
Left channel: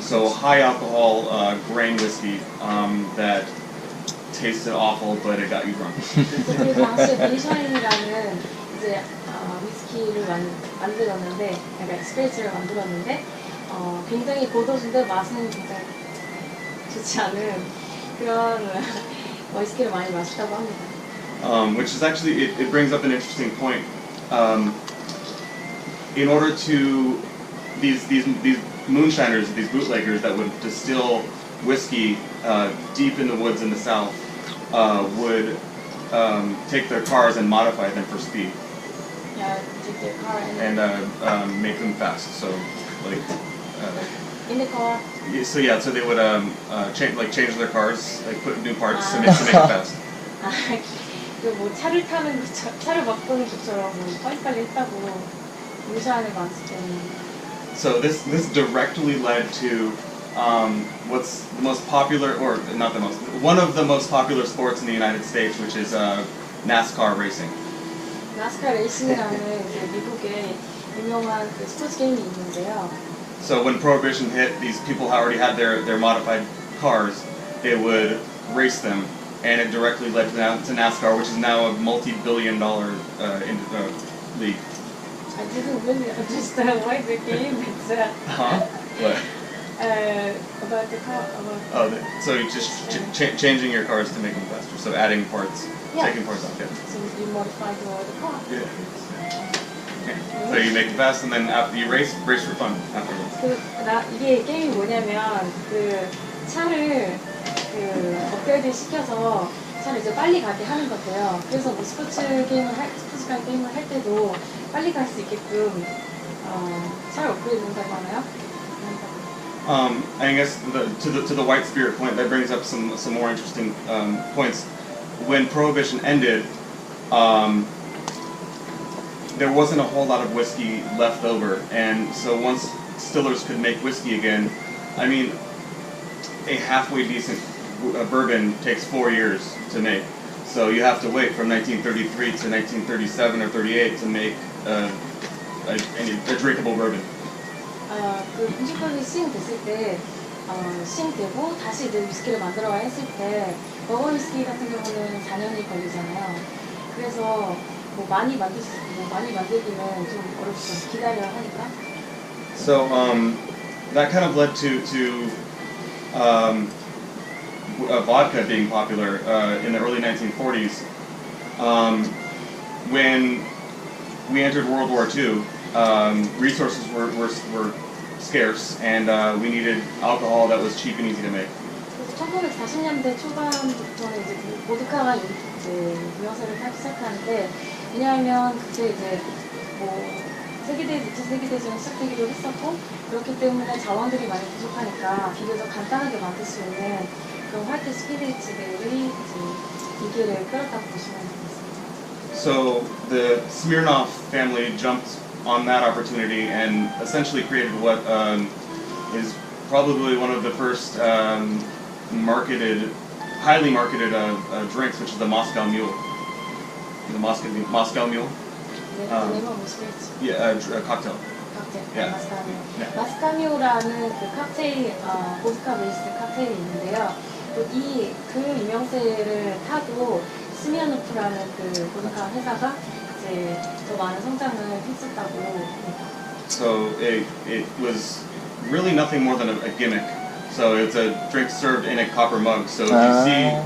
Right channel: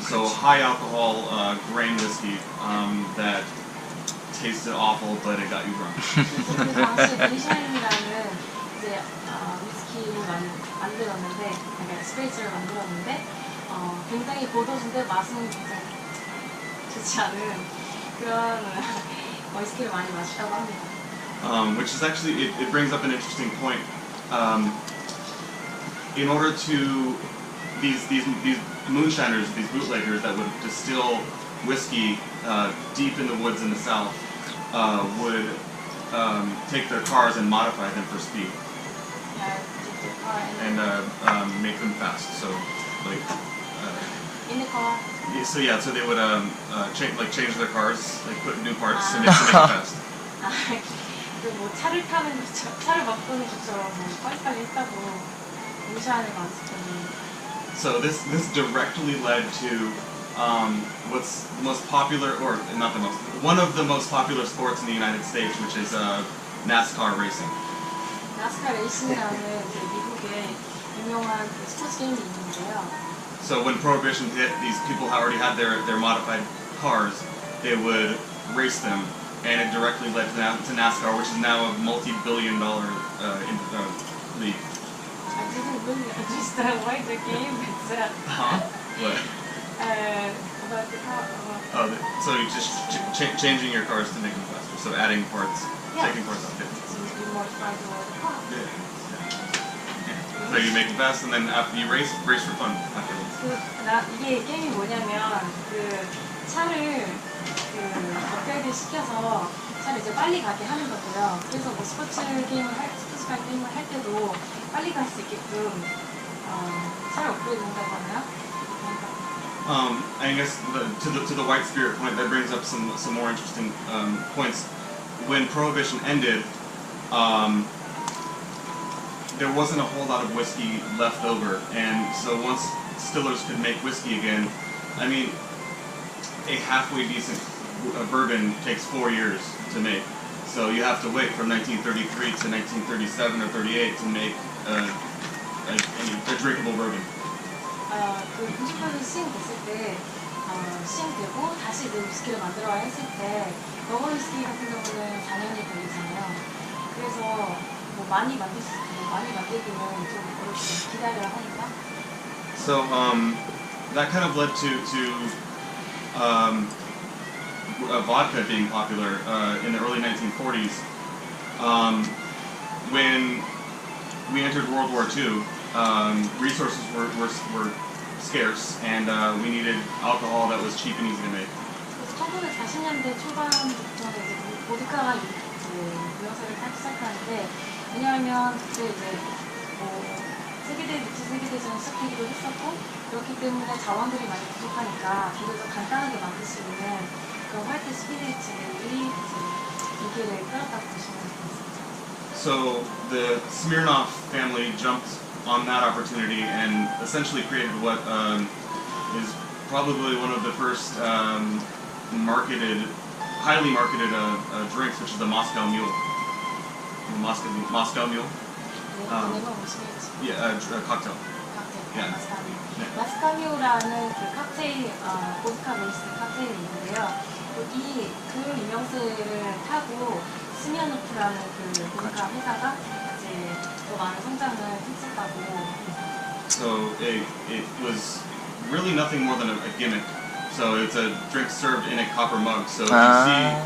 so high alcohol grain whiskey that tasted awful, but it got you drunk. 그래서 그 당시에 몬샤인이라는 이제 위스키를 만들었는데, 그러니까 스피릿을 만들었는데, 굉장히 고도수인데 맛은 굉장히 좋지 않은 그런 위스키를 많이 마셨다고 합니다. Which is actually, it brings up an interesting point. In order to, these moonshiners, these bootleggers that would distill whiskey deep in the woods in the South would take their cars and modify them for speed. Yeah, take their car And make them fast. So, like, in the car. so they would change their cars, like put new parts to make it fast. 뭐 차를 타는 것처럼, 차를 바꾸는 것처럼 뭐 빨리빨리 했다고 몬샤인을 마실 때는. So this directly led to what's the most popular, or not the most, one of the most popular sports in the United States, which is NASCAR racing. 나스카 레이싱이라는 그 미국의 유명한 그 스포츠 게임이 있는데요. So when Prohibition hit, these people already had their modified cars. They would race them, and it directly led to NASCAR, which is now a multi-billion-dollar league. I didn't really understand why the game is Huh? What? about the car. So you just changing your cars to make them faster. So adding parts, Yeah. taking parts off. Yeah. So you modify the car. Yeah. So you make it fast, and then after you race for fun afterwards. 이게 게임이 뭐냐면 그 차를 업그레이드 시켜서 차를 이제 빨리 가게 하는 건데요. 그래서 뭐 스포츠카 게임을 할 때도 빨리 갈 수 있게끔 차를 업그레이드 한다고 하나요? I guess to the white spirit point, that brings up some more interesting points. When Prohibition ended, there wasn't a whole lot of whiskey left over, and so once distillers could make whiskey again, I mean, a halfway decent bourbon takes 4 years to make. So you have to wait from 1933 to 1937 or 38 to make a drinkable bourbon. 그 금주법이 시행됐을 때 시행되고 다시 이제 위스키를 만들어야 했을 때 버거 위스키 같은 경우는 4년이 걸리잖아요. 그래서 뭐 많이 만들기는 좀 어렵죠. 기다려야 하니까. So that kind of led to vodka being popular in the early 1940s. When we entered World War II, resources were scarce, and we needed alcohol that was cheap and easy to make. 그래서 1940년대 초반부터는 이제 보드카가 이제 유형세를 타기 시작하는데, 왜냐하면 그때 이제 뭐 두 세계대전이 시작되기도 했었고, 그렇기 때문에 자원들이 많이 부족하니까 비교적 간단하게 만들 수 있는 그런 화이트 스피릿들이 이제 인기를 끌었다고 보시면 되겠습니다. So the Smirnoff family jumped on that opportunity and essentially created what is probably one of the first highly marketed drinks, which is the Moscow Mule. The Moscow Mule? Yeah, a cocktail. Yeah. 마스카미오. 마스카미오라는 그 칵테일, 보드카 베이스 칵테일이 있는데요. 그 유명세를 타고 스미아노프라는 그 보드카 회사가 이제 더 많은 성장을 했었다고 합니다. So it was really nothing more than a gimmick. So it's a drink served in a copper mug. So if you see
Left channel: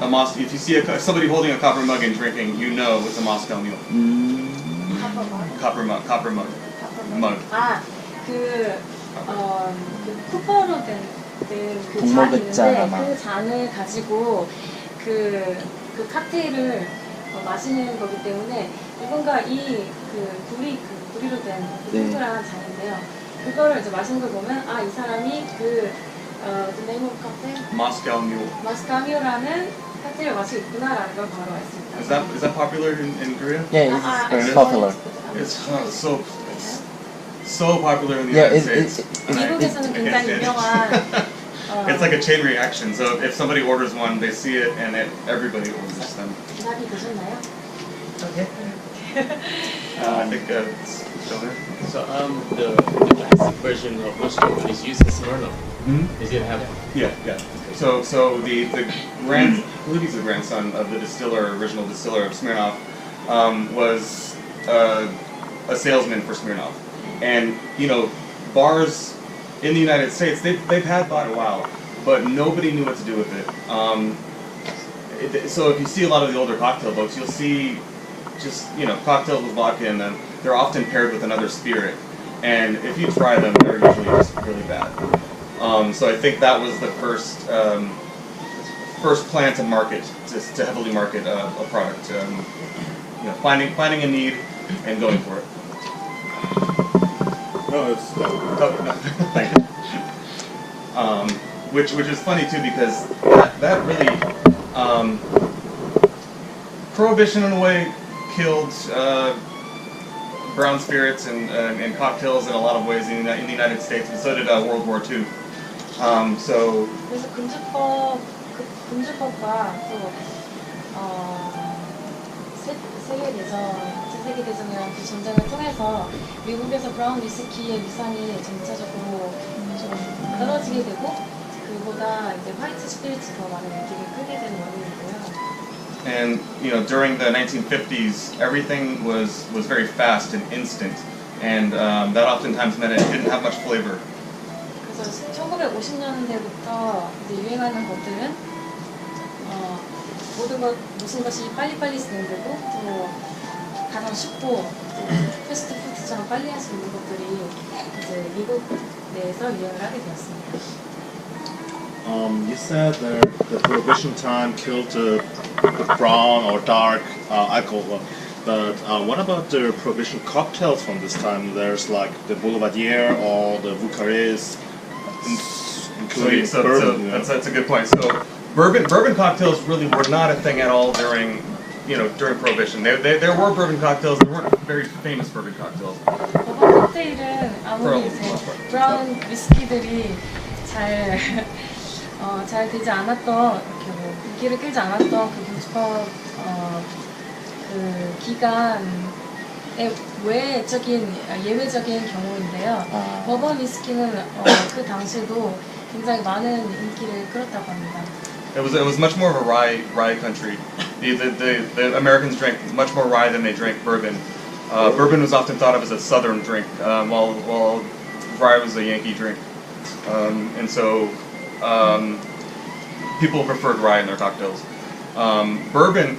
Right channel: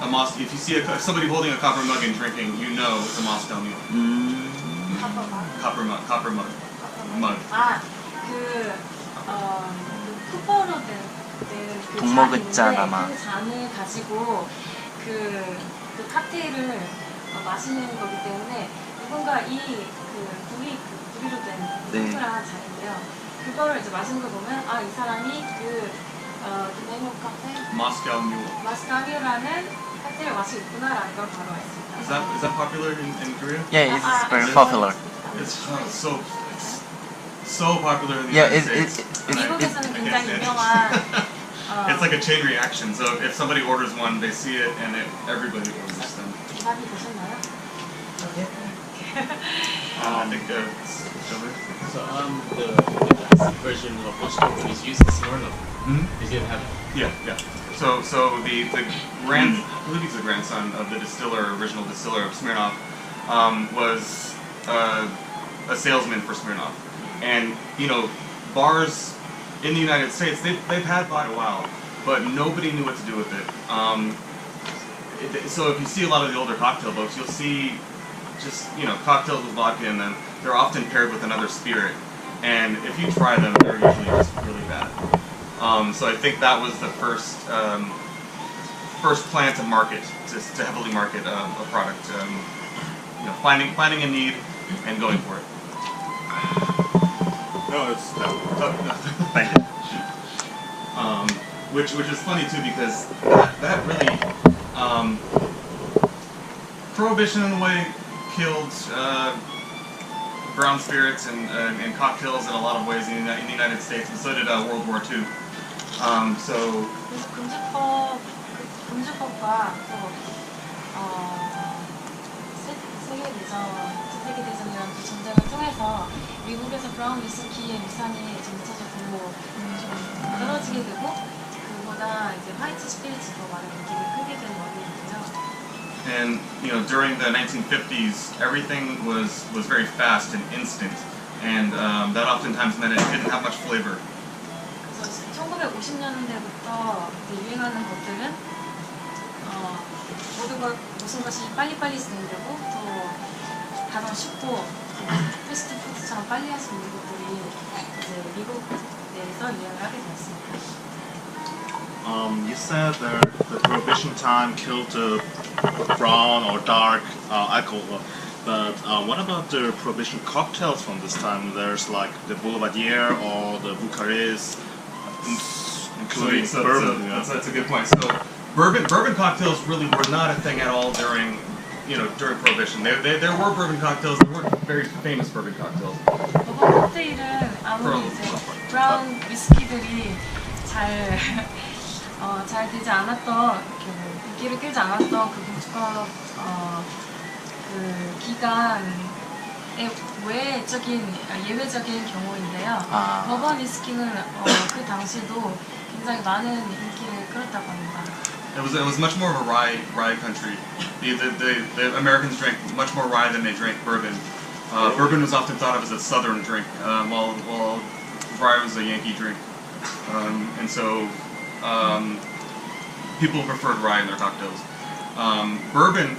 If you see somebody holding a copper mug and drinking, you know it's a Moscow Mule. Copper mug. 그 쿠퍼로 된 그 동목의 잔 잔인데 아마. 그 잔을 가지고 그 칵테일을 마시는 거기 때문에 누군가 구리로 된 네. 동그란 잔인데요. 그거를 이제 마시는 걸 보면 이 사람이 the name of cocktail Moscow Mule. 마스카미오라는 칵테일을 마시고 있구나라는 걸 바로 알 수 있다. Is that popular in Korea? Yeah, it's very popular. It's so popular in the Yeah, United States. And I 미국에서는 can't 굉장히 stand it. 유명한 It's like a chain reaction. So if somebody orders one, they see it, and everybody orders them. 답이 되셨나요? Okay. I think it's still there. So the classic version of which company is using Smirnoff? Is it have? Yeah. So the I believe he's the grandson of the original distiller of Smirnoff, was a salesman for Smirnoff, and bars in the United States they've had by a while, but nobody knew what to do with it. So if you see a lot of the older cocktail books, you'll see just cocktails with vodka in them. They're often paired with another spirit, and if you try them, they're usually just really bad. So I think that was the first plan to market, to heavily market a product. Finding a need and going for it. No, it's done. Oh, no, thank you. Which is funny too, because that really Prohibition in a way killed brown spirits and cocktails in a lot of ways in the United States, and so did World War II. So 그래서 금주법과 또 세계대전이라는 그 전쟁을 통해서 미국에서 브라운 위스키의 위상이 점차적으로 좀 떨어지게 되고 그보다 이제 화이트 스피릿이 더 많은 인기를 끄게 된 원인인데요. And during the 1950s, everything was very fast and instant, and that oftentimes meant it didn't have much flavor. 그래서 1950년대부터 이제 유행하는 것들은 모든 것이 빨리빨리 진행되고 또 가장 쉽고 패스트푸드처럼 빨리 할 수 있는 것들이 이제 미국 내에서 유행을 하게 되었습니다. You said that the Prohibition time killed brown or dark alcohol, but what about the Prohibition cocktails from this time? There's like the Boulevardier or the Bucharest, including bourbon. That's a good point. So bourbon cocktails really were not a thing at all during Prohibition. There were bourbon cocktails. There weren't very famous bourbon cocktails. 버번 칵테일은 아무리 이제 most part. 브라운 위스키들이 잘 되지 않았던 이렇게 뭐 인기를 끌지 않았던 그 금주법 그 기간의 예외적인 경우인데요. 버번 위스키는 그 당시에도 굉장히 많은 인기를 끌었다고 합니다. It was much more of a rye country. The Americans drank much more rye than they drank bourbon. Bourbon was often thought of as a southern drink, while rye was a Yankee drink, and so people preferred rye in their cocktails. Bourbon.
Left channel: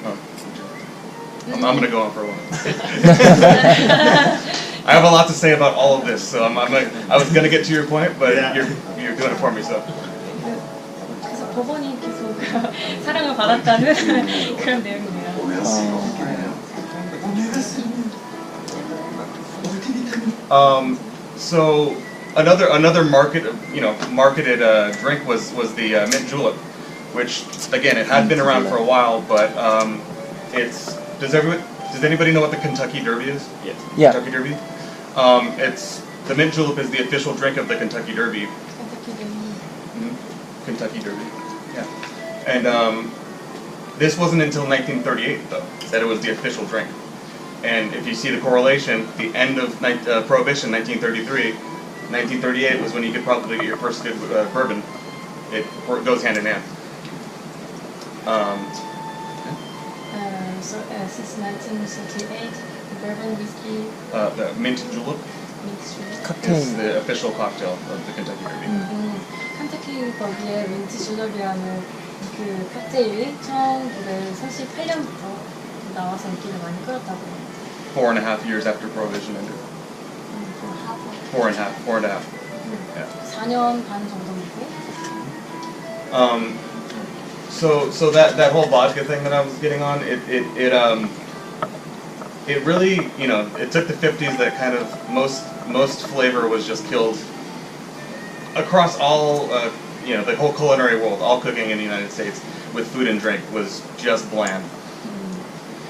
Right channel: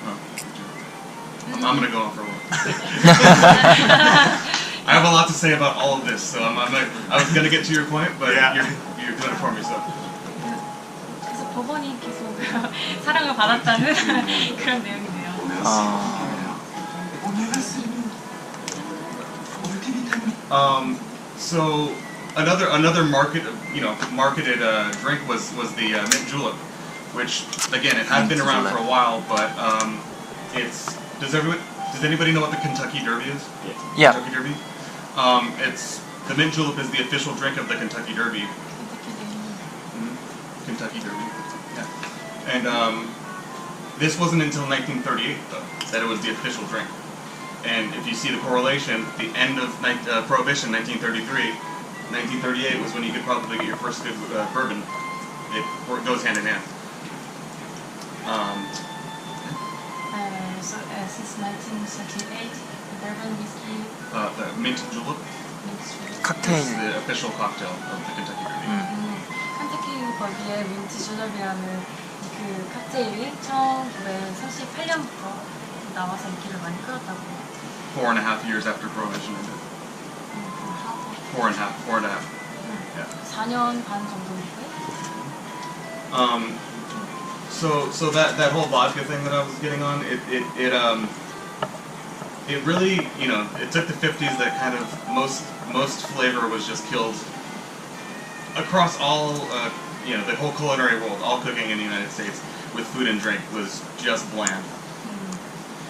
I'm going to go on for a while. I have a lot to say about all of this, so I was going to get to your point, but you're doing it for me, so. 그래서 버번이 계속 사랑을 받았다는 그런 내용이네요. So another marketed drink was the mint julep, which again it had been around for a while, but does anybody know what the Kentucky Derby is? Yeah. Kentucky Derby. The mint julep is the official drink of the Kentucky Derby. Kentucky Derby. Yeah. And this wasn't until 1938 though that it was the official drink. And if you see the correlation, the end of Prohibition, 1933, 1938 was when you could probably get your first good bourbon. It goes hand in hand. So since 1938, the bourbon whiskey, The mint julep is 칵테일. the official cocktail of the Kentucky Derby. 칸타키 버비의 민트 줄럽이라는 그 칵테일이 1938년부터 나와서 인기를 많이 끌었다고. 4.5 years after Prohibition ended. 4.5. Yeah. 4년 반 정도이고. So that whole vodka thing that I was getting on, it really, you know, it took the 50s that kind of most flavor was just killed across all, you know, the whole culinary world. All cooking in the United States with food and drink was just bland.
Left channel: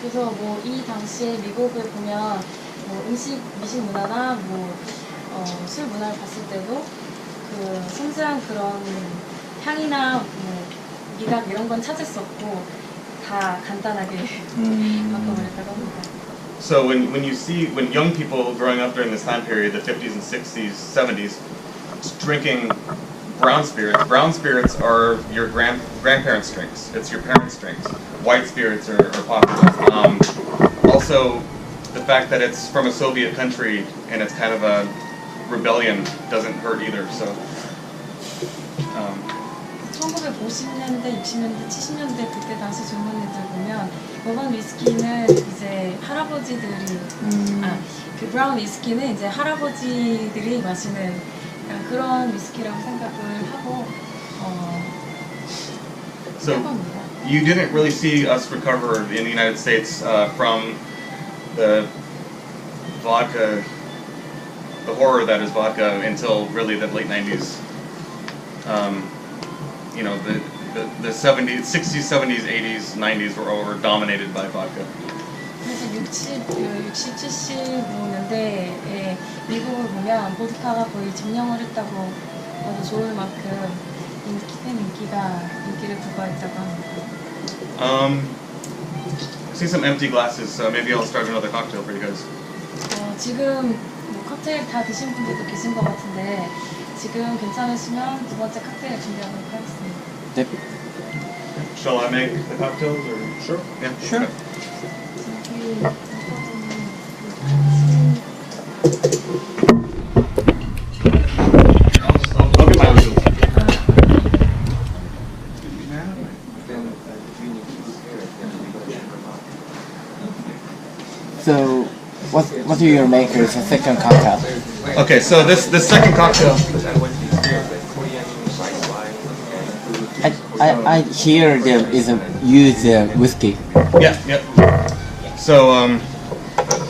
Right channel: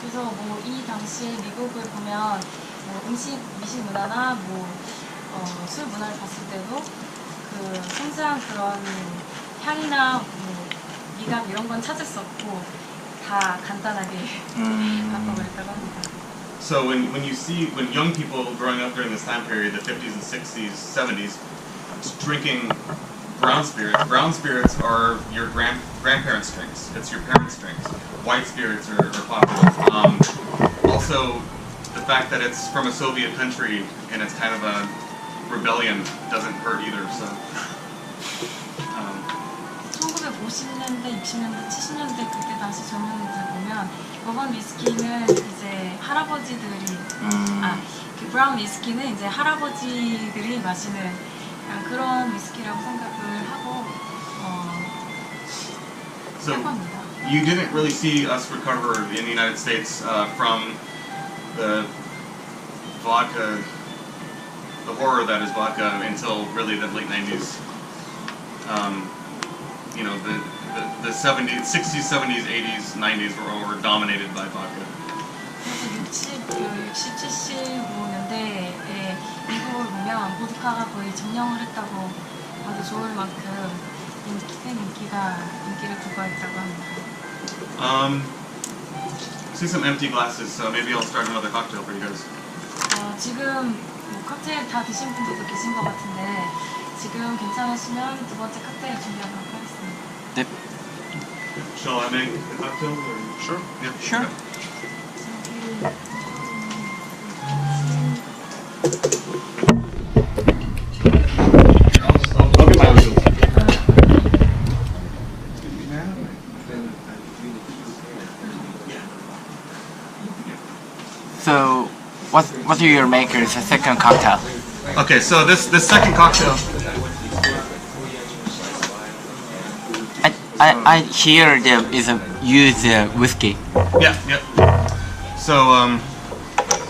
그래서 뭐 이 당시에 미국을 보면 뭐 미식 문화나 술 문화를 봤을 때도 그 섬세한 그런 향이나 뭐 미각 이런 건 찾을 수 없고 다 간단하게 바꿔버렸다고 합니다. So when you see when young people growing up during this time period, the 50s and 60s, 70s, drinking brown spirits are your grandparents' drinks. It's your parents' drinks. White spirits are popular. Also, the fact that it's from a Soviet country and it's kind of a rebellion doesn't hurt either. So. 1950년대, 60년대, 70년대 그때 당시 젊은이들 보면 버번 위스키는 이제 할아버지들이 그 브라운 위스키는 이제 할아버지들이 마시는 그런 위스키라고 생각을 하고 So 합니다. you didn't really see us recover in the United States from the vodka, the horror that is vodka, until really the late 90s. You know, the 70s, 60s, 70s, 80s, 90s were dominated by vodka. 그래서 60, 70년대에 미국을 보면 보드카가 거의 점령을 했다고 봐도 좋을 만큼 인기를 부과했다고 합니다. See some empty glasses, so maybe I'll start another cocktail for you guys. 지금 뭐 칵테일 다 드신 분들도 계신 것 같은데 지금 괜찮으시면 두 번째 칵테일 준비하도록 하겠습니다. 네. Shall I make the cocktails or? Sure. Yeah. Sure. I'll get my own. So, what do you make as a second cocktail? Okay, so this second cocktail. I hear there is a use whiskey. Yeah. So,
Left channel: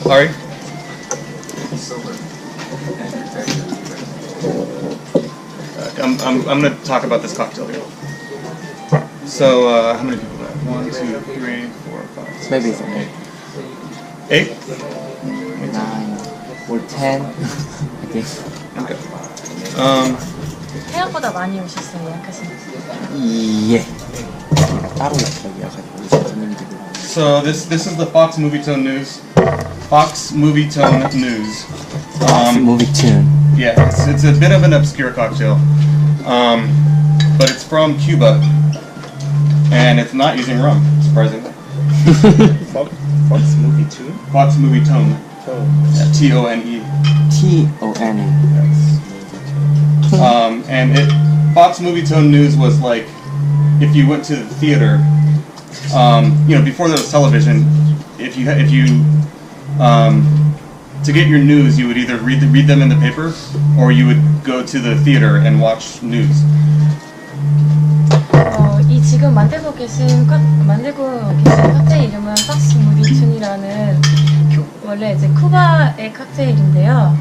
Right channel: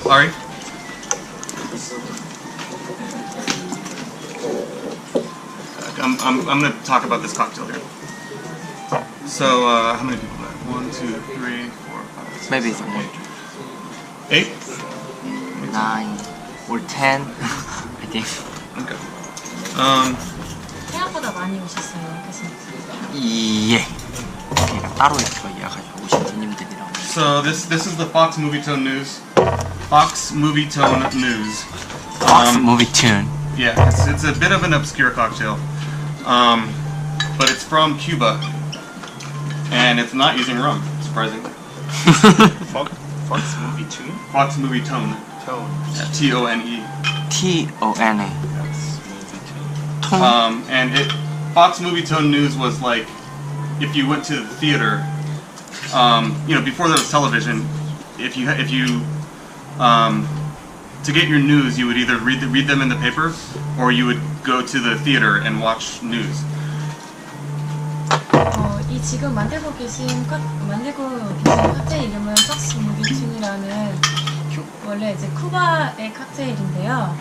Ari? I'm going to talk about this cocktail here. So, how many people do I have? 1, 2, 3, 4, 5, 6, Maybe 7, 8. 8? 9 or 10, I think. Okay. 생각보다 많이 오셨어요, 예약하신 분. 예. 제가 따로 이렇게 예약하시고 오신 손님들이랑. So this is the Fox Movie Tone News. Fox Movie Tone News. Movie tune. Yeah, it's a bit of an obscure cocktail, but it's from Cuba, and it's not using rum, surprisingly. Fox movie tune? Fox Movie Tone. Tone. Yeah, T-O-N-E. T-O-N-E. And Fox Movie Tone News was like, if you went to the theater, you know, before there was television, if you to get your news, you would either read them in the paper, or you would go to the theater and watch news. 이 지금 만들고 계신 칵테일 이름은 팍스 무비튠이라는 원래 이제 쿠바의 칵테일인데요.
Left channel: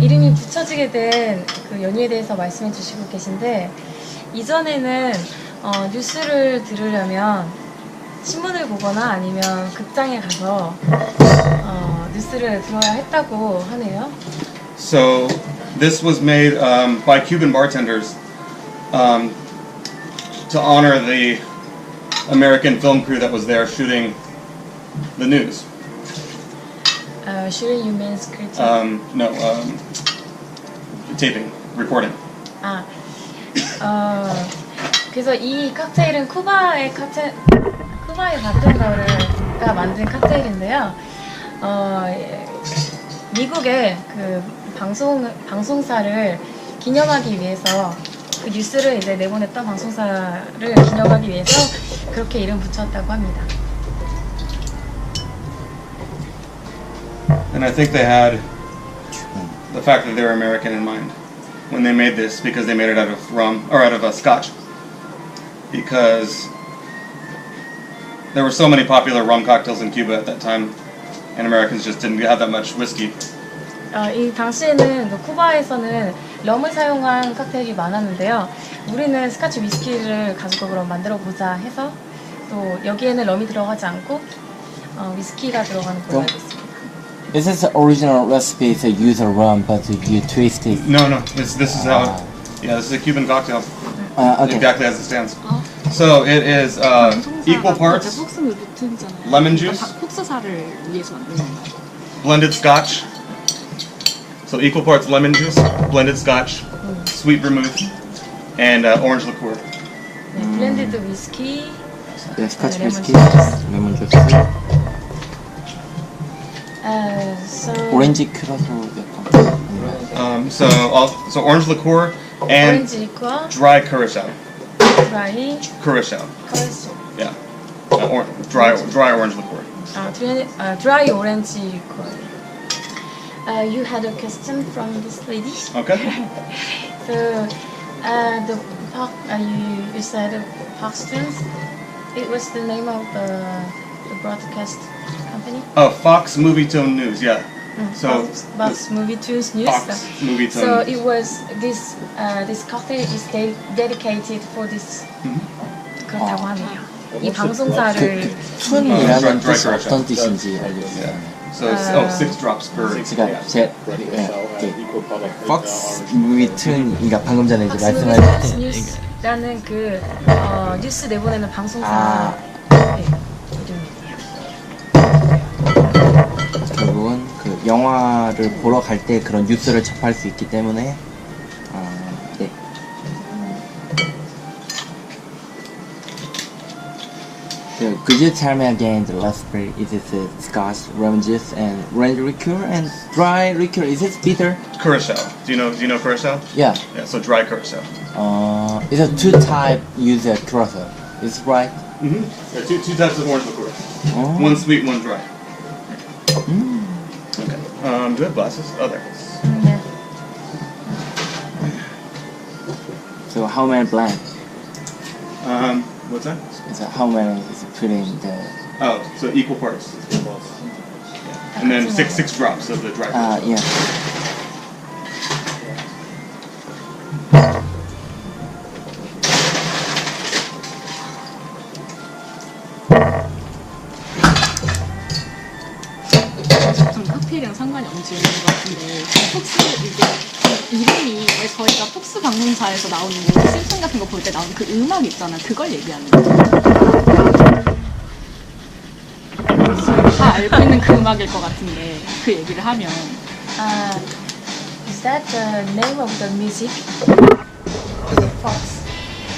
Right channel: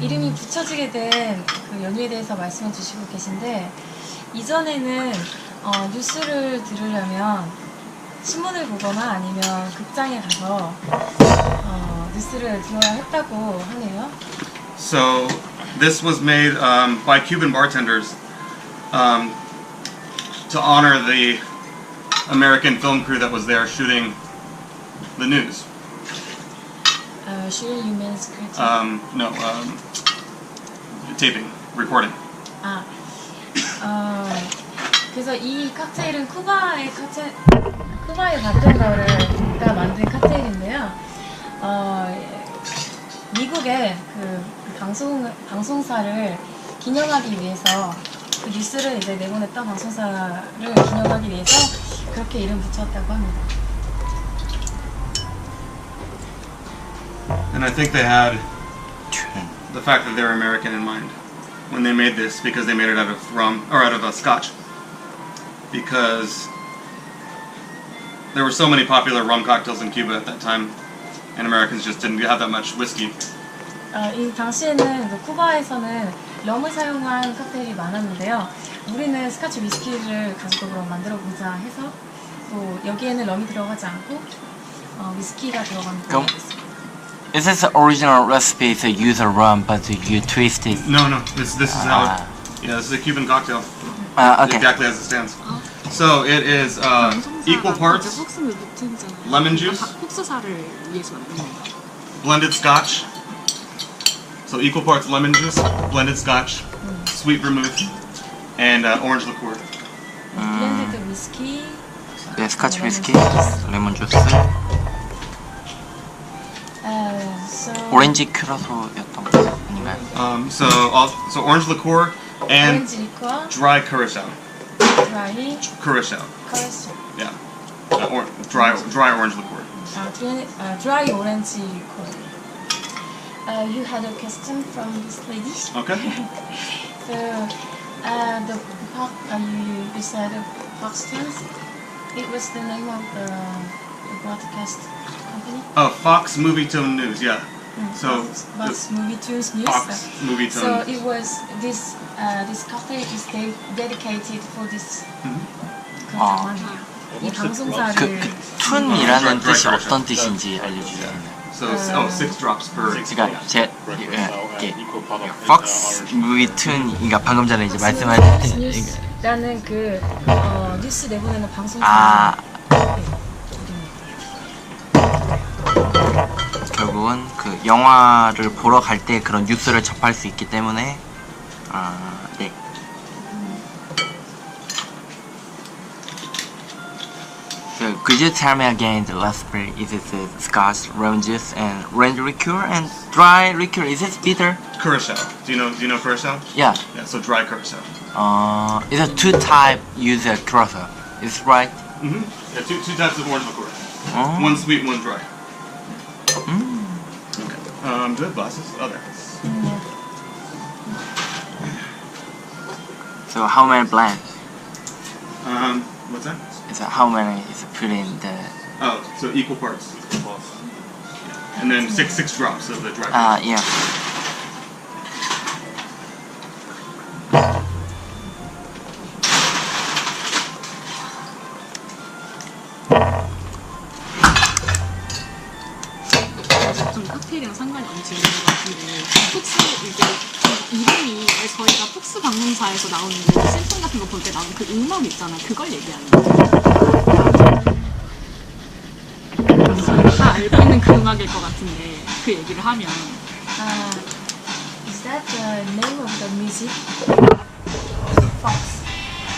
이름이 붙여지게 된 그 연유에 대해서 말씀해 주시고 계신데 이전에는 뉴스를 들으려면 신문을 보거나 아니면 극장에 가서 뉴스를 들어야 했다고 하네요. So this was made by Cuban bartenders to honor the American film crew that was there shooting the news. Shooting you means critique? No, taping, recording. 그래서 이 칵테일은 쿠바의 바텐더가 만든 칵테일인데요. 미국의 그 방송사를 기념하기 위해서 그 뉴스를 이제 내보냈던 방송사를 기념하기 위해서 그렇게 이름 붙였다고 합니다. And I think they had the fact that they're American in mind when they made this, because they made it out of rum or out of scotch. Because there were so many popular rum cocktails in Cuba at that time, and Americans just didn't have that much whiskey. 이 당시에는 그 쿠바에서는 럼을 사용한 칵테일이 많았는데요. 우리는 스카치 위스키를 가지고 그럼 만들어 보자 해서 또 여기에는 럼이 들어가지 않고 위스키가 들어가는 걸로 알고 있습니다. Is this the original recipe to use a rum, but you twist it? No, this is how. Yeah, this is a Cuban cocktail. Okay. Exactly as it stands. So it is equal parts lemon juice, 폭스사를 위해서 만든 건가요? blended scotch. So equal parts lemon juice, blended scotch, sweet vermouth, and orange liqueur. 블렌디드 위스키, 네, 스카치 위스키, 레몬 주스, 오렌지 큐라소였던 거. So orange liqueur and 오렌지 리커, dry curacao. 드라이, Curacao. 커레스. Yeah. Dry orange liqueur. 드라이 오렌지 리커. You had a question from this lady. Okay. So the park you said Foxtons. It was the name of the broadcast company. Oh, Fox Movie Tone News. Yeah. So Fox Movie Tunes News. Fox Movie Tone. So it was this cocktail is dedicated for this. 그렇다고 하네요. 이 방송사를 툰이라는 Dry 뜻이 curacao. 어떤 뜻인지 알려주세요. So 6 drops per. 그러니까 Fox Movie Tune, 그러니까 방금 전에 이제 말씀하신 뉴스라는 그 뉴스 내보내는 방송사 이름이에요. 결국은 그 영화를 보러 갈 때 그런 뉴스를 접할 수 있기 때문에 네. So, could you tell me again the recipe? Is it scotch, rum juice, and orange liqueur and dry liqueur? Is it bitter? Curacao. Do you know curacao? Yeah. Yeah. So dry curacao. It's a two type use curacao. Is right? Mm-hmm. Yeah. Two types of orange liqueur. Oh. One sweet, one dry. Mm. Okay. Do you have glasses? Oh, there. 네. So how many blend? What's that? Is that how many is put in the? Oh, so equal parts. Yeah. And then six drops of the dry. Yeah. 좀 칵테일이랑 상관이 없는 질문인 것 같은데 폭스 이게 이름이 저희가 폭스 방송사에서 나오는 그 신청 같은 거 볼 때 나오는 그 음악 있잖아 그걸 얘기하는 거죠. 저희 다 알고 있는 그 음악일 것 같은데 그 얘기를 하면 Is that the name of the music? The Fox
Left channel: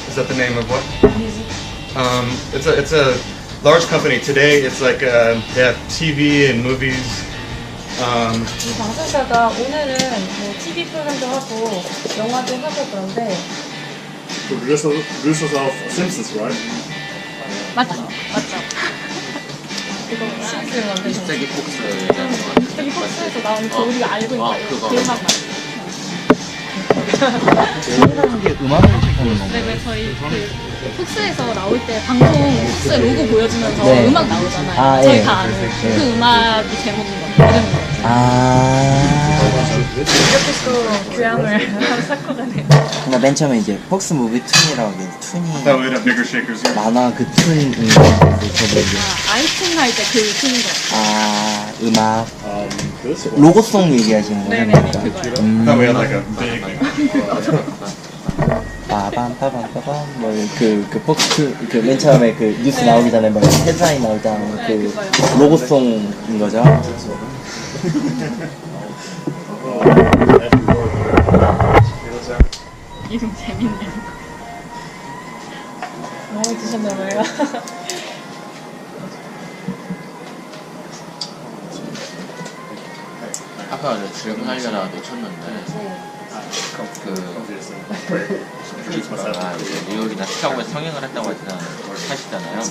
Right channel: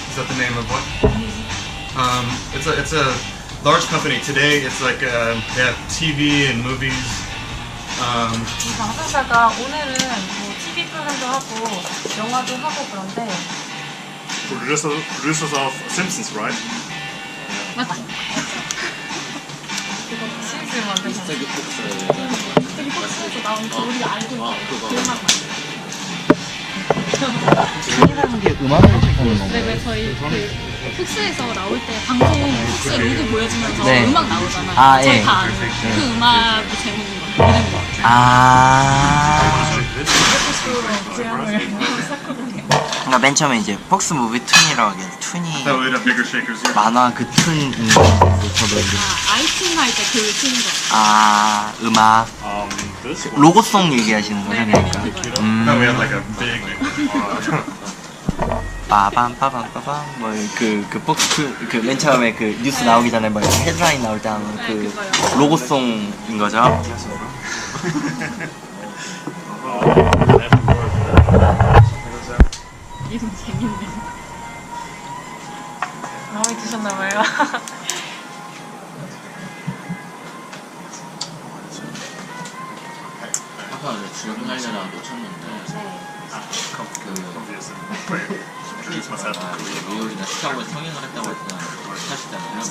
Is that the name of what? music. It's a large company. Today, it's like they have TV and movies. 이 방송사가 오늘은 뭐 TV 프로그램도 하고 영화도 하고 그런데 Producers of Simpsons, right? 맞죠? 이거 시리즈를 만든 거. 미스터리 폭스. 미스터리 폭스에서 나오는 그 우리가 알고 있는 그 음악만. 툰이라는 게 음악을 하는 건가요? 네, 왜 저희 그 폭스에서 나올 때 방송 폭스 로고 보여주면서 네. 음악 나오잖아요. 저희 예. 다 아는 그 음악이 제목인 거예요. 이름인 거예요. 이렇게 또 교양을 샀거든요. 그러니까 맨 처음에 이제 폭스 무비 툰이라고 하길래 툰이 That would have bigger shakers here. 만화 그 툰인 건데 저도 이제 아이튠 할 때 그 툰인 거예요. 음악 This one. 로고송 얘기하시는 거죠? 네네네, 그러니까 그거요. Then we had like a big. 빠밤 빠밤 뭐그 폭스 그 맨 처음에 그 뉴스 나오기 전에 뭐 헤드라인 나올 때 하는 그 그거요. 로고송인 거죠? 이름 재밌네. 마음에 드셨나 봐요. 아까 주력 하려다가 놓쳤는데 네. 그 뉴욕이나 시카고에서 성행을 했다고 하시잖아요.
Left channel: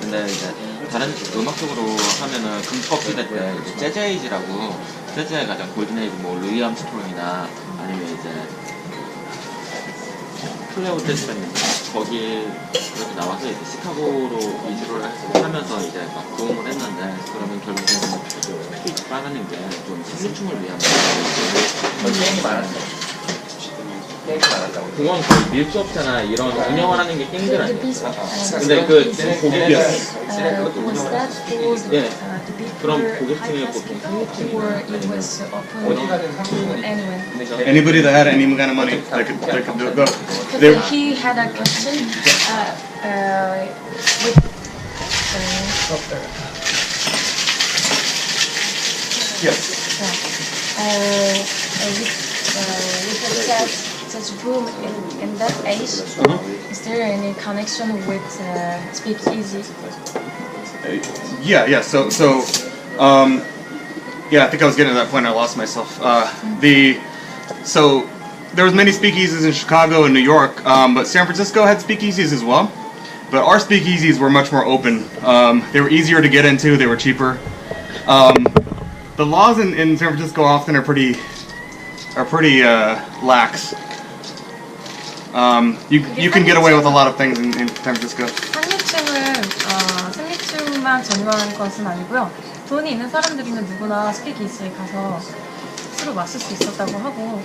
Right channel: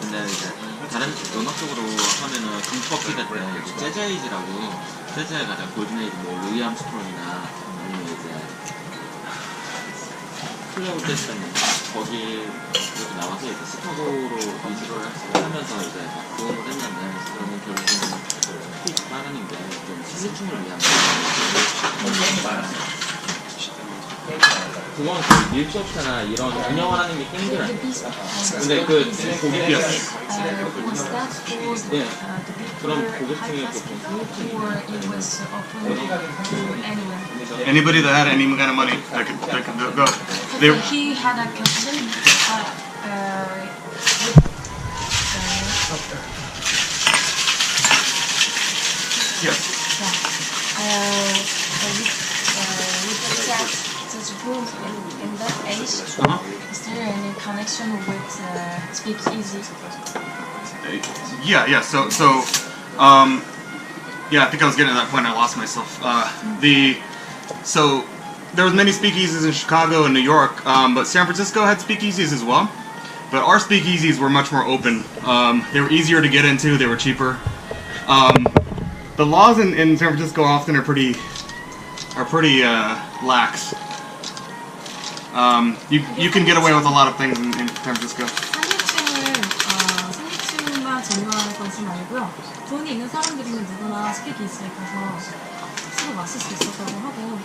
근데 이제 다른 음악적으로 하면은 금주법 시대 때 이제 재즈 에이지라고 재즈의 가장 골든 에이지 뭐 루이 암스트롱이나 아니면 이제 플레오 재즈였는데 거기 이렇게 나와서 이제 시카고로 이주를 하면서 이제 막 도움을 했는데 그러면 결국에는 스피치 빠르는 게 좀 심리충을 위한 게임이 많았어. 그건 그 밀수업자나 이런 운영을 하는 게 힘들어요. 근데 그 고객이었어요. Was that for 예. the big 그럼 high 고객층이 class 보통 people, or it was open to anyone? Anybody that had any kind of money, they could go. They, Because he had a question with yes. with such boom in that age. Is there any connection with speakeasy? Yeah. So, yeah, I think I was getting to that point. I lost myself. So there was many speakeasies in Chicago and New York, but San Francisco had speakeasies as well. But our speakeasies were much more open. They were easier to get into. They were cheaper. The laws in San Francisco often are pretty lax. You can get away with a lot of things in San Francisco. 생리충만 전유하는 것은 아니고요. 돈이 있는 사람들이면 누구나 스피키지에 가서 술을 마실 수 있었다고 하고.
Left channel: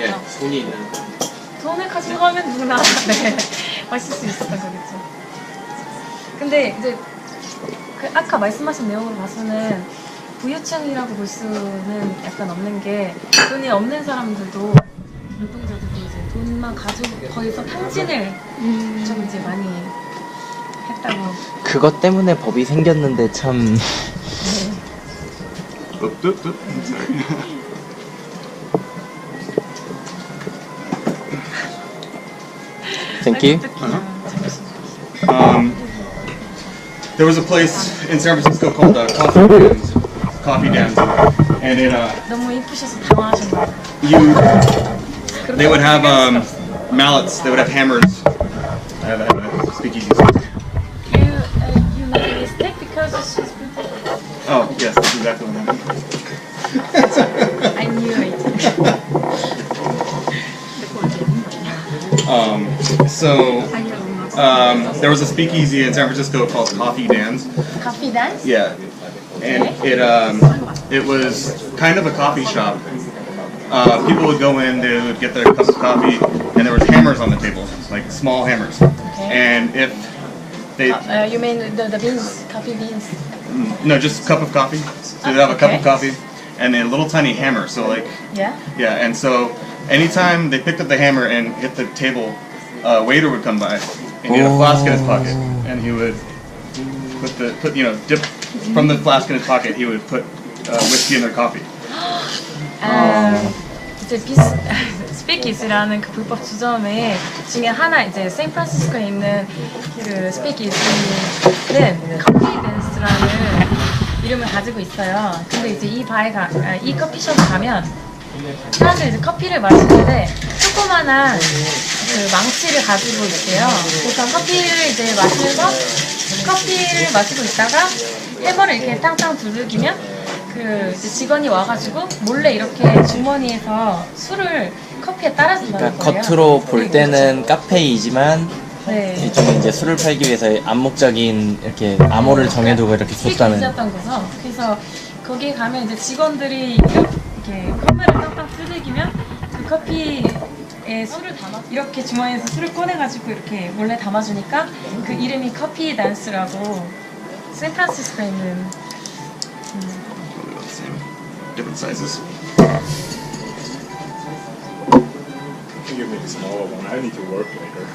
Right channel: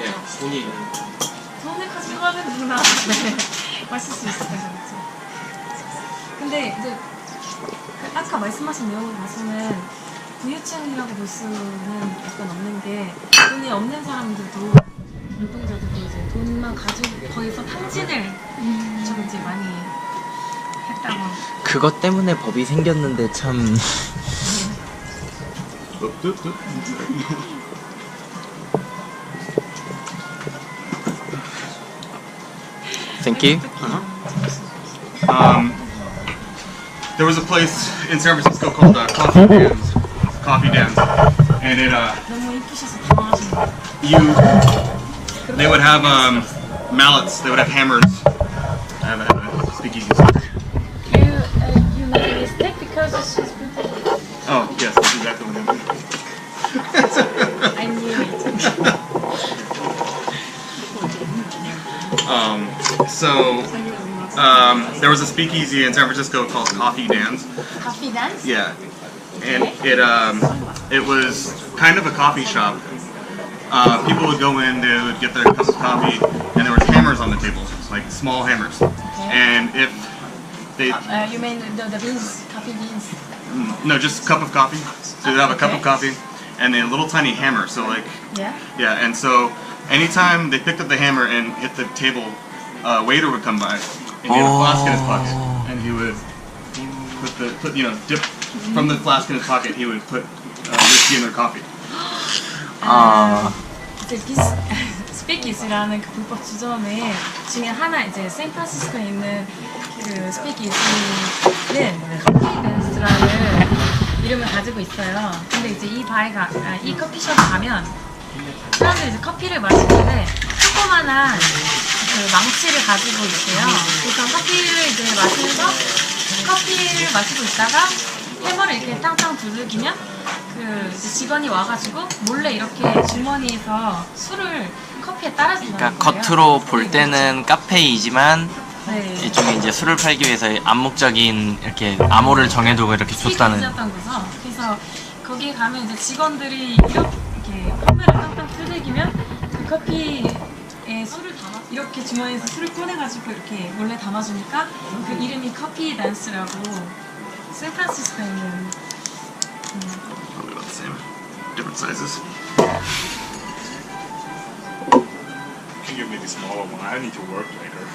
예, 돈이 있는. 돈을 가지고 하면 누구나 네, 마실 수 있었다고 그랬죠. 근데 이제 그 아까 말씀하신 내용으로 봐서는 부유층이라고 볼 수는 약간 없는 게 돈이 없는 사람들도 운동자들도 이제 돈만 가지고 거기서 탕진을 좀 이제 많이 했다고. 그것 때문에 법이 생겼는데 참. Thank you. There was a place in San Francisco called Coffee Dams, and it 너무 이쁘셔서 당황하셨나 봐요. they would have mallets, they would have hammers. I have a speakeasy story. You made a mistake because she's beautiful. Oh yes, that's exactly what happened. I knew it. There was a speakeasy in San Francisco called Coffee Dams. Coffee dance? Yeah, and it was kind of a coffee shop. People would go in, they would get their cup of coffee, and there was hammers on the table, like small hammers. Okay. And if they You mean the beans, coffee beans? no, just cup of coffee. So they'd have a cup of coffee, and then a little tiny hammer. So like Yeah. yeah, and so anytime they picked up the hammer and hit the table, a waiter would come by, and he had a flask in his pocket, and he would dip from the flask in his pocket. He would put whiskey in their coffee. 이제 스피키즈라는 그 불법 주점의 중에 하나 이제 샌프란시스코에 있는 그 스피키즈는 커피 댄스라는 이름을 가지고 있어요. 근데 이제 이 커피숍에 가면 사람들이 이제 커피를 마시는데 조그만한 그 망치를 가지고 있어요. 그래서 커피를 이제 마시면서 커피를 마시고 있다가 해머를 이렇게 탕탕 두들기면 그 이제 직원이 와가지고 몰래 이렇게 주머니에서 술을 커피에 따라준다는 그러니까 거예요. 겉으로 볼 때는 카페이지만 네. 일종의 이제 술을 팔기 위해서 암묵적인 이렇게 암호를 정해두고 이렇게 줬다는. 스피키즈였던 거죠. 그래서 거기에 가면 이제 직원들이 이렇게 컵매를 땅땅 두들기면 그 커피에 술을 담아 이렇게 주머니에서 술을 꺼내가지고 이렇게 몰래 담아주니까 그 이름이 커피 댄스라고 샌프란시스코에 있는 Probably about the same, different sizes. Can you give me the smaller one? I need to work later.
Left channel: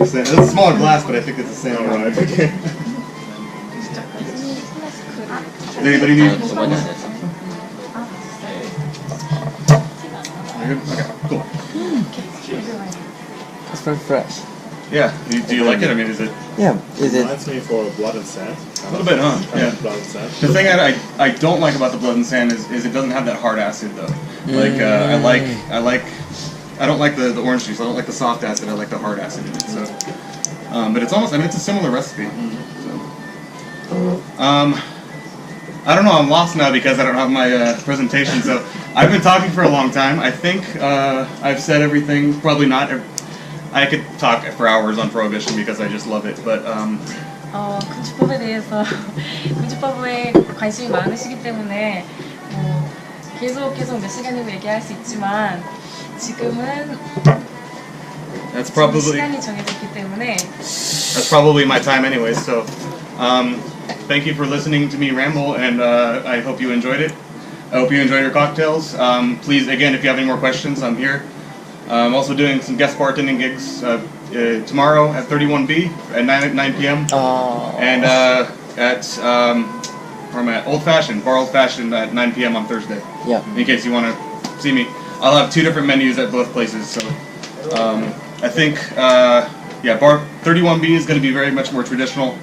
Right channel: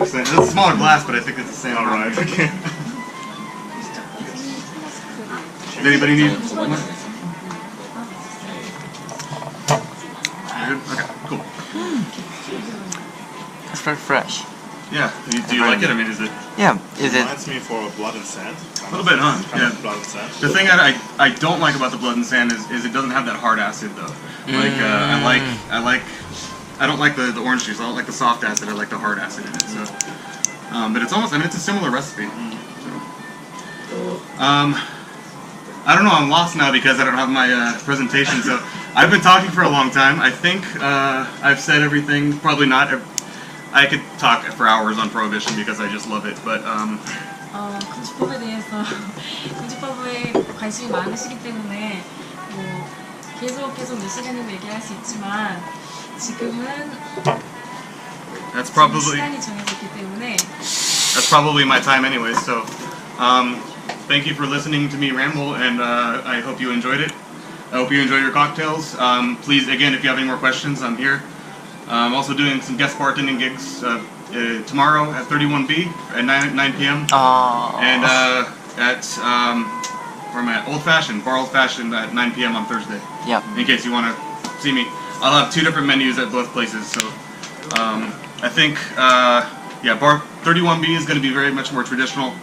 It's a smaller glass, but I think it's the same. Alright, okay. Does anybody need? 저번에 안 했어. You're good? Okay, cool. It's very fresh. Yeah. Do you like it? I mean, is it Yeah, is it? Reminds me for blood and sand. a little bit, huh? Kind Yeah. of blood and sand. The thing I don't like about the blood and sand is it doesn't have that hard acid though. Like I like I don't like the orange juice. I don't like the soft acid. I like the hard acid in it. So, but it's almost. I mean, it's a similar recipe. So, I don't know. I'm lost now because I don't have my presentation. So I've been talking for a long time. I think I've said everything. Probably not. I could talk for hours on prohibition because I just love it. But 금주법에 대해서 금주법에 관심이 많으시기 때문에 뭐 계속 몇 시간이고 얘기할 수 있지만 지금은 that's probably 시간이 정해져 있기 때문에 my time anyway. So thank you for listening to me ramble, and I hope you enjoyed it. I hope you enjoy your cocktails. Please, again, if you have any more questions, I'm here. I'm also doing some guest bartending gigs tomorrow at 31B at 9 p.m. And at where am I at? Old Fashioned, Bar Old Fashioned at 9 p.m. on Thursday. Yeah. In case you want to see me, I'll have 2 different menus at both places. So I think Bar 31B is going to be very much more traditional.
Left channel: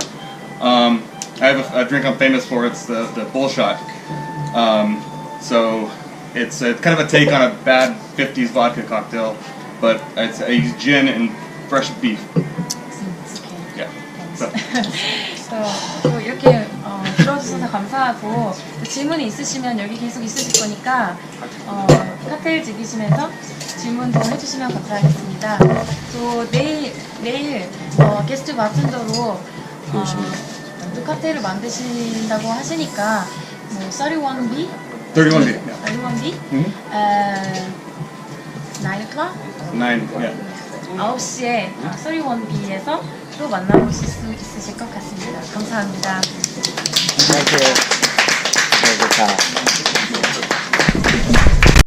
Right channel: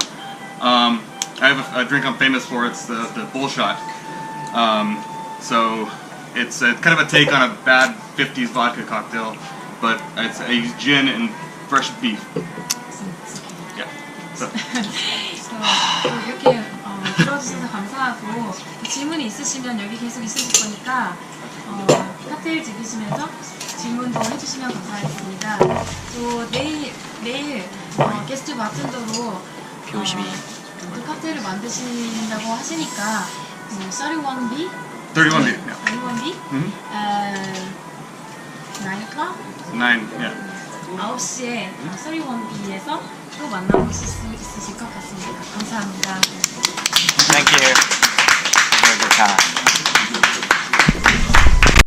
I have a drink I'm famous for. It's the bull shot. So it's kind of a take on a bad 50s vodka cocktail, but I use gin and fresh beef. Yeah. So. 또 이렇게 들어주셔서 감사하고 질문이 있으시면 여기 계속 있으실 거니까 칵테일 즐기시면서 질문도 해주시면 감사하겠습니다. 또 내일 게스트 바텐더로 또 칵테일을 만드신다고 하시니까 뭐 31B? 31B. Yeah. 31B? Mhm. 9 o'clock? 9. Yeah. 9시에 31B에서 또 만나보실 수 있으실 것 같습니다. 감사합니다. Thank you. Very good time.